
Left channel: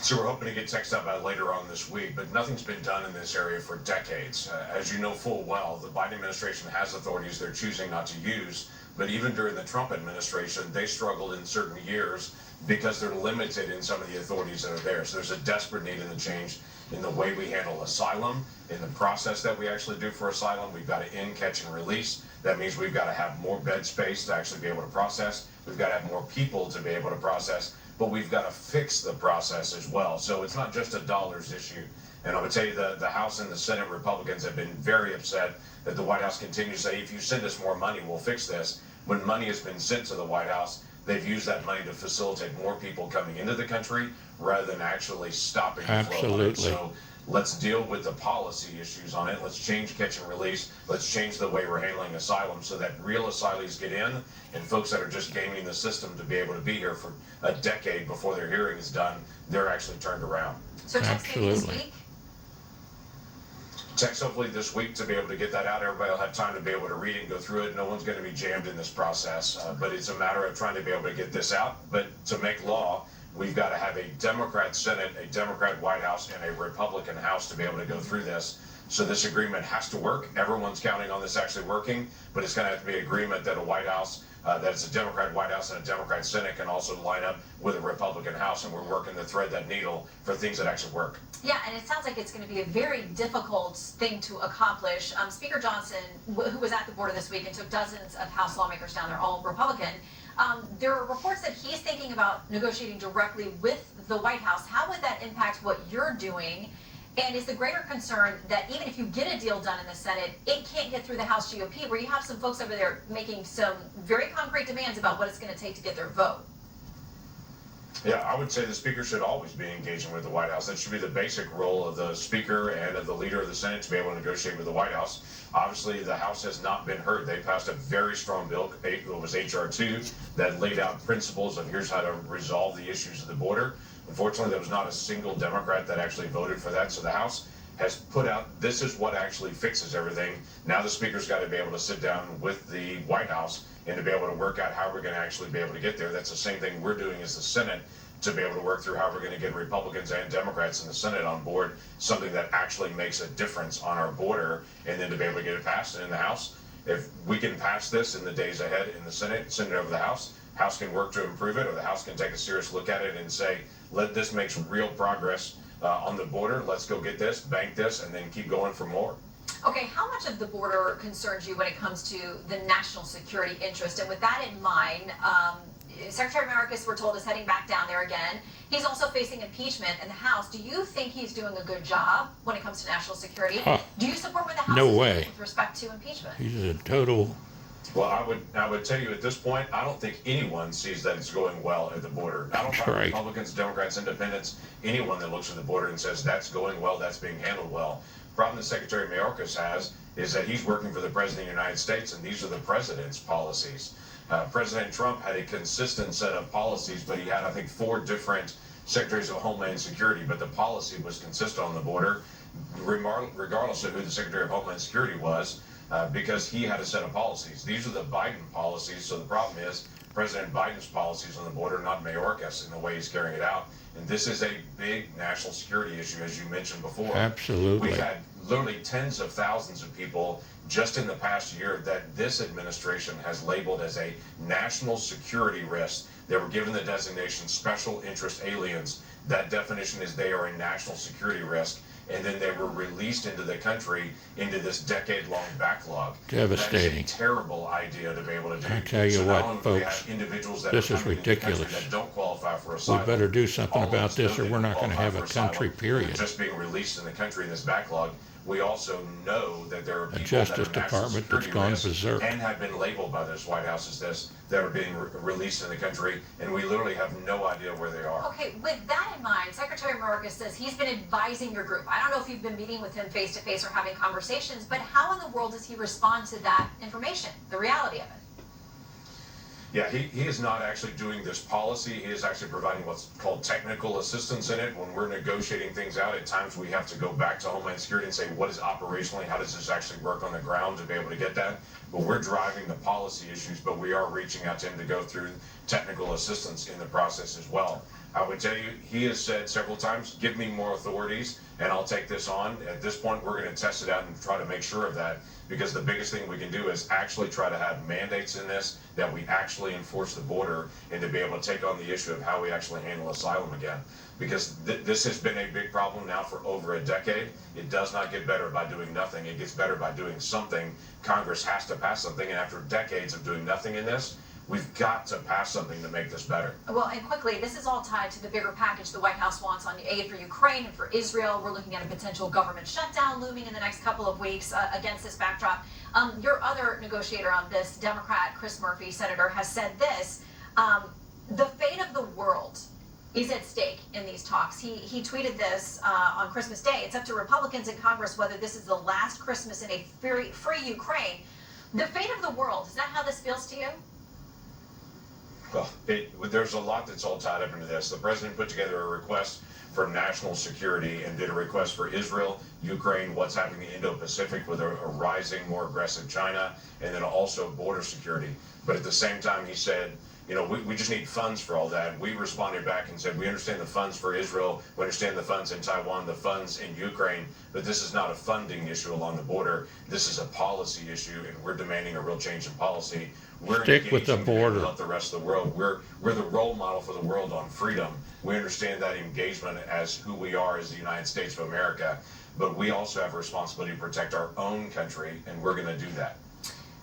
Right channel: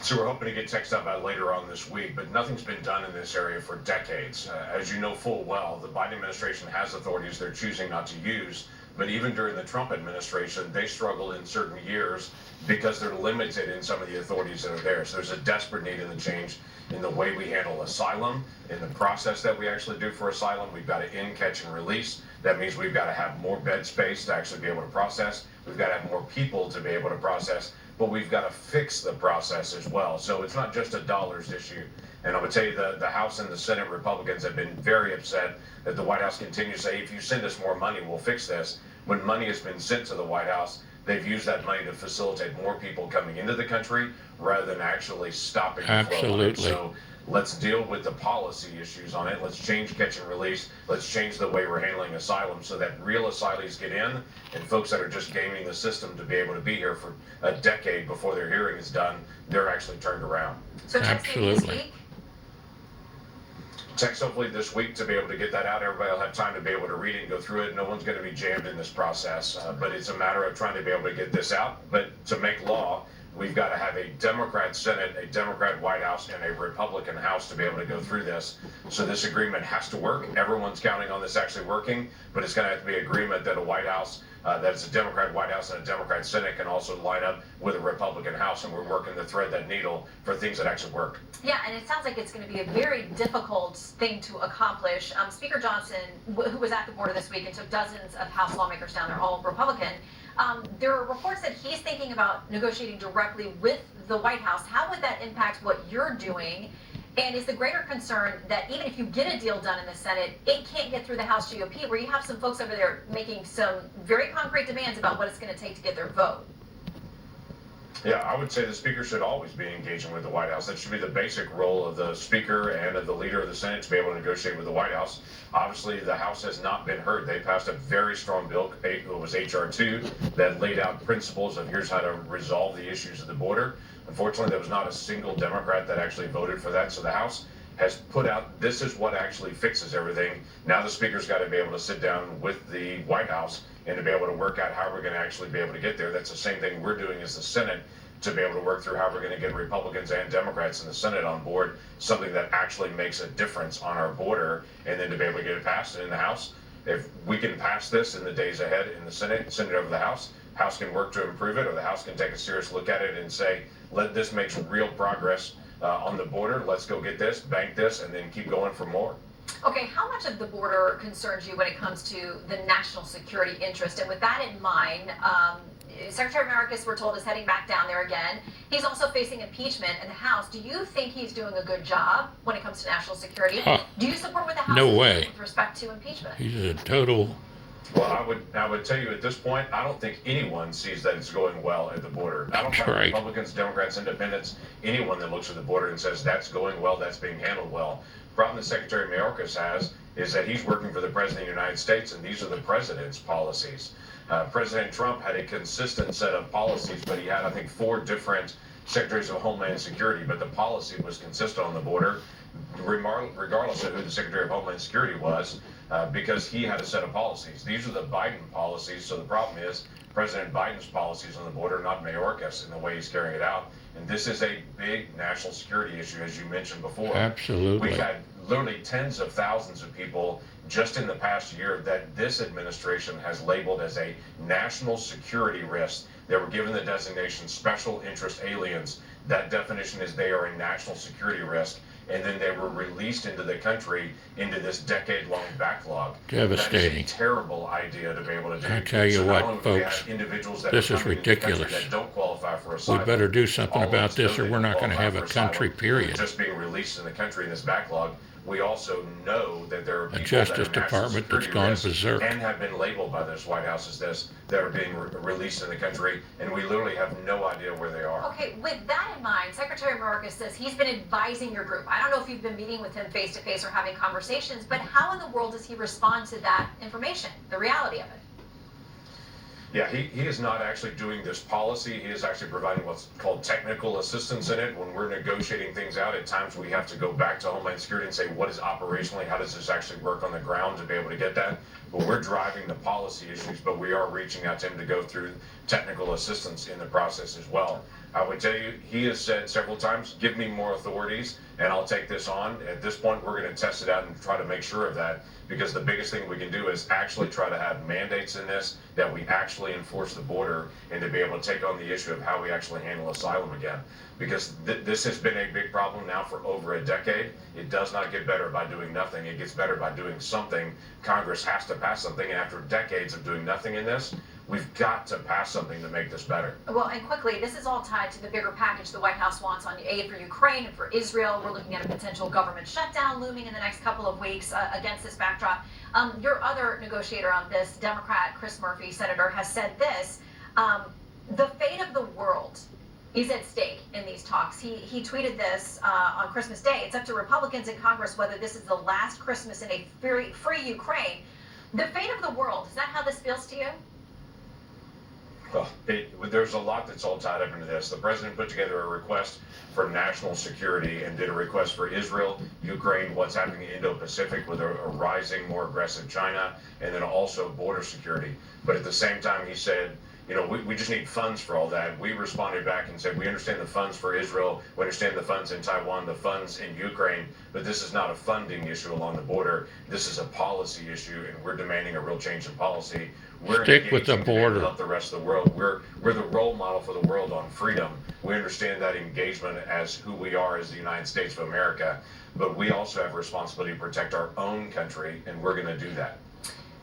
So we're hoping to get text out about later on this week, but nothing's been done in this area for decades. As you know full well, the Biden administration has authorities they're choosing not to use But even during the Trump administration, they struggled in certain years because they're limited in some of the authorities that are there. So there's a desperate need in the change in the way we handle asylum, in the process that we actually do for asylum. We've got to in, catch, and release. That means we've got to have more bed space to actually be able to process. We've got to have more people to be able to process, but we've got to fix the process as well. So it's not just a dollars issue. And I would tell you the House and the Senate Republicans have been very upset that the White House continues to say, if you send us more money, we'll fix this. When money has been sent to the White House, they've used that money to facilitate more people coming into the country rather than actually stopping the flow. Absolutely. So let's deal with the policy issues on it. Let's change catch and release. Let's change the way we're handling asylum so that real asylees get in and folks that are just gaming the system to be able to be here for a decade before their hearing is done, they're actually turned around. So Absolutely. Text hopefully this week to be able to get that out. Everybody will have time to be able to read it and go through it. No one's going to be jammed in this process, but it's a matter of trying to be able to get this out. But to make law, we've got to have a Democrat Senate, a Democrat White House, and a Republican House to be able to go through this. So this agreement has to work. Everyone's counting on this actually working, but it's going to have to be agreement that a White House, that it's a Democrat White House and a Democrat Senate can also line up with a Republican House, and we're working to thread that needle for things that actually work. Yeah, and it sounds like it's going to be a very difficult thing to accomplish. Speaker Johnson, who was at the border this week and took dozens of House lawmakers down there, all Republican, there are reports that he's thinking about negotiating directly with the White House. How would that impact what you're doing? And is the greater concern that even if you get a deal done in the Senate, it can't get through the House GOP, where you have some folks over there making some very concrete demands about what it's going to take to get their vote? Yeah, I would say the Speaker should always be engaging with the White House. That should be the basic role of the Speaker and of the leader of the Senate, to be able to negotiate with the White House. Obviously, the House has not been heard. They passed a very strong bill, it was H.R. 2, that laid out principles of here's how to resolve the issues of the border. Unfortunately, there was not a single Democrat that actually voted for that, so the House has put out, this is what actually fixes everything. Now the Speaker's got to be able to sit down with the White House and to be able to work out how we're going to actually be able to get there. That's the same thing we're doing as the Senate, to be able to work through how we're going to get Republicans and Democrats in the Senate on board, something that actually makes a difference on our border, and then to be able to get it passed. And in the House, if we can pass this in the days ahead in the Senate, send it over to the House can work to improve it, or the House can take a serious look at it and say, this makes real progress on the border. Let's go get this, bank this, and then keep going for more. Okay, how much of the border concerns you when it comes to the national security interest? And with that in mind, Secretary Mayorkas, we're told, is heading back down there again. He's also facing impeachment in the House. Do you think he's doing a good job when it comes to national security? Do you support what the House is doing with respect to impeachment? He's a total... Well, I would tell you at this point, I don't think anyone sees that it's going well at the border. I don't think Republicans, Democrats, Independents, anyone that looks at the border and says that's going well, that's being handled well. The problem that Secretary Mayorkas has is that he's working for the President of the United States, and these are the President's policies. President Trump had a consistent set of policies, but he had, I think, 4 different Secretaries of Homeland Security, but the policy was consistent on the border, regardless of who the Secretary of Homeland Security was, because he had a set of policies. These are the Biden policies, so the problem is President Biden's policies on the border, not Mayorkas, in the way he's carrying it out. And this is a big national security issue, as you mentioned before. Absolutely. We've had literally tens of thousands of people just in the past year that this administration has labeled as a national security risk. They were given the designation special interest aliens. That definition is they are a national security risk. And then they were released into the country into this decade-long backlog. Devastating. That is a terrible idea to be able to do. I tell you what, folks, this is ridiculous. That don't qualify for asylum. We better do something about this, or we're not going to have a country, period. Just being released in the country in this backlog. We also know that there are people a Justice Department that's gone berserk and have been labeled by this White House as this, that are being released in the country, and we literally have no idea where they are. Okay, with that in mind, Secretary Mayorkas says he's been advising your group. I don't know if you've been meeting with him face to face or having conversations, but how in the world does he respond to that information, the reality of it? Yeah, he is not actually doing this policy. He is actually providing what's called technical assistance in it. When we're negotiating things out, at times we have to go back to Homeland Security and say, what is operationally, how does this actually work on the ground to be able to get that? But we're driving the policy issues, but we are reaching out to him to go through technical assistance in the process as well. I would tell you, he has said several times, give me more authorities and I'll take this on. At this point, we're going to test it out and try to make sure of that, because the biggest thing we can do is actually try to have mandates in this, that we actually enforce the border, and to be able to take on the issue of how we actually handle asylum again. Because this has been a big problem now for over a decade. It does not get better by doing nothing. It gets better by doing something. Congress has to pass something, and after decades of doing nothing in this, we've got to pass something to make this better. Well, and quickly, this is all tied to the bigger package the White House wants on aid for Ukraine and for Israel. We're looking at a potential government shutdown looming in the next couple of weeks against this backdrop. Your other negotiator on this, Democrat Chris Murphy, Senator, has said this, the fate of the world is at stake in these talks. He tweeted this on Christmas Day. It's up to Republicans in Congress whether this is the last Christmas in a free Ukraine. The fate of the world, is that how this feels to you? Well, there's a lot that's all tied up into this. The president put together a request for national security and did a request for Israel, Ukraine, what's happening in Indo-Pacific with a rising, more aggressive China, and then also border security. But at the same time, he said, you know, we just need funds for all that. We responded back and said, we understand the funds for Israel, we understand the funds in Taiwan, the funds in Ukraine, but this is not a funding issue along the border. This is a policy issue, and we're demanding a real change in policy. We're Stick with the border. Not the rest of the world. We're the role model for the world on freedom. We understand that engagement as who we are as the United States of America, but we also have a responsibility to protect our own country, and we're going to do that.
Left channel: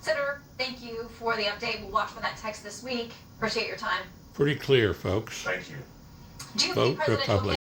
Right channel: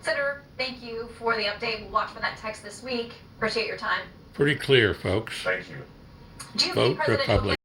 Senator, thank you for the update. We'll watch for that text this week. Appreciate your time. Pretty clear, folks. Thank you. Vote Republican.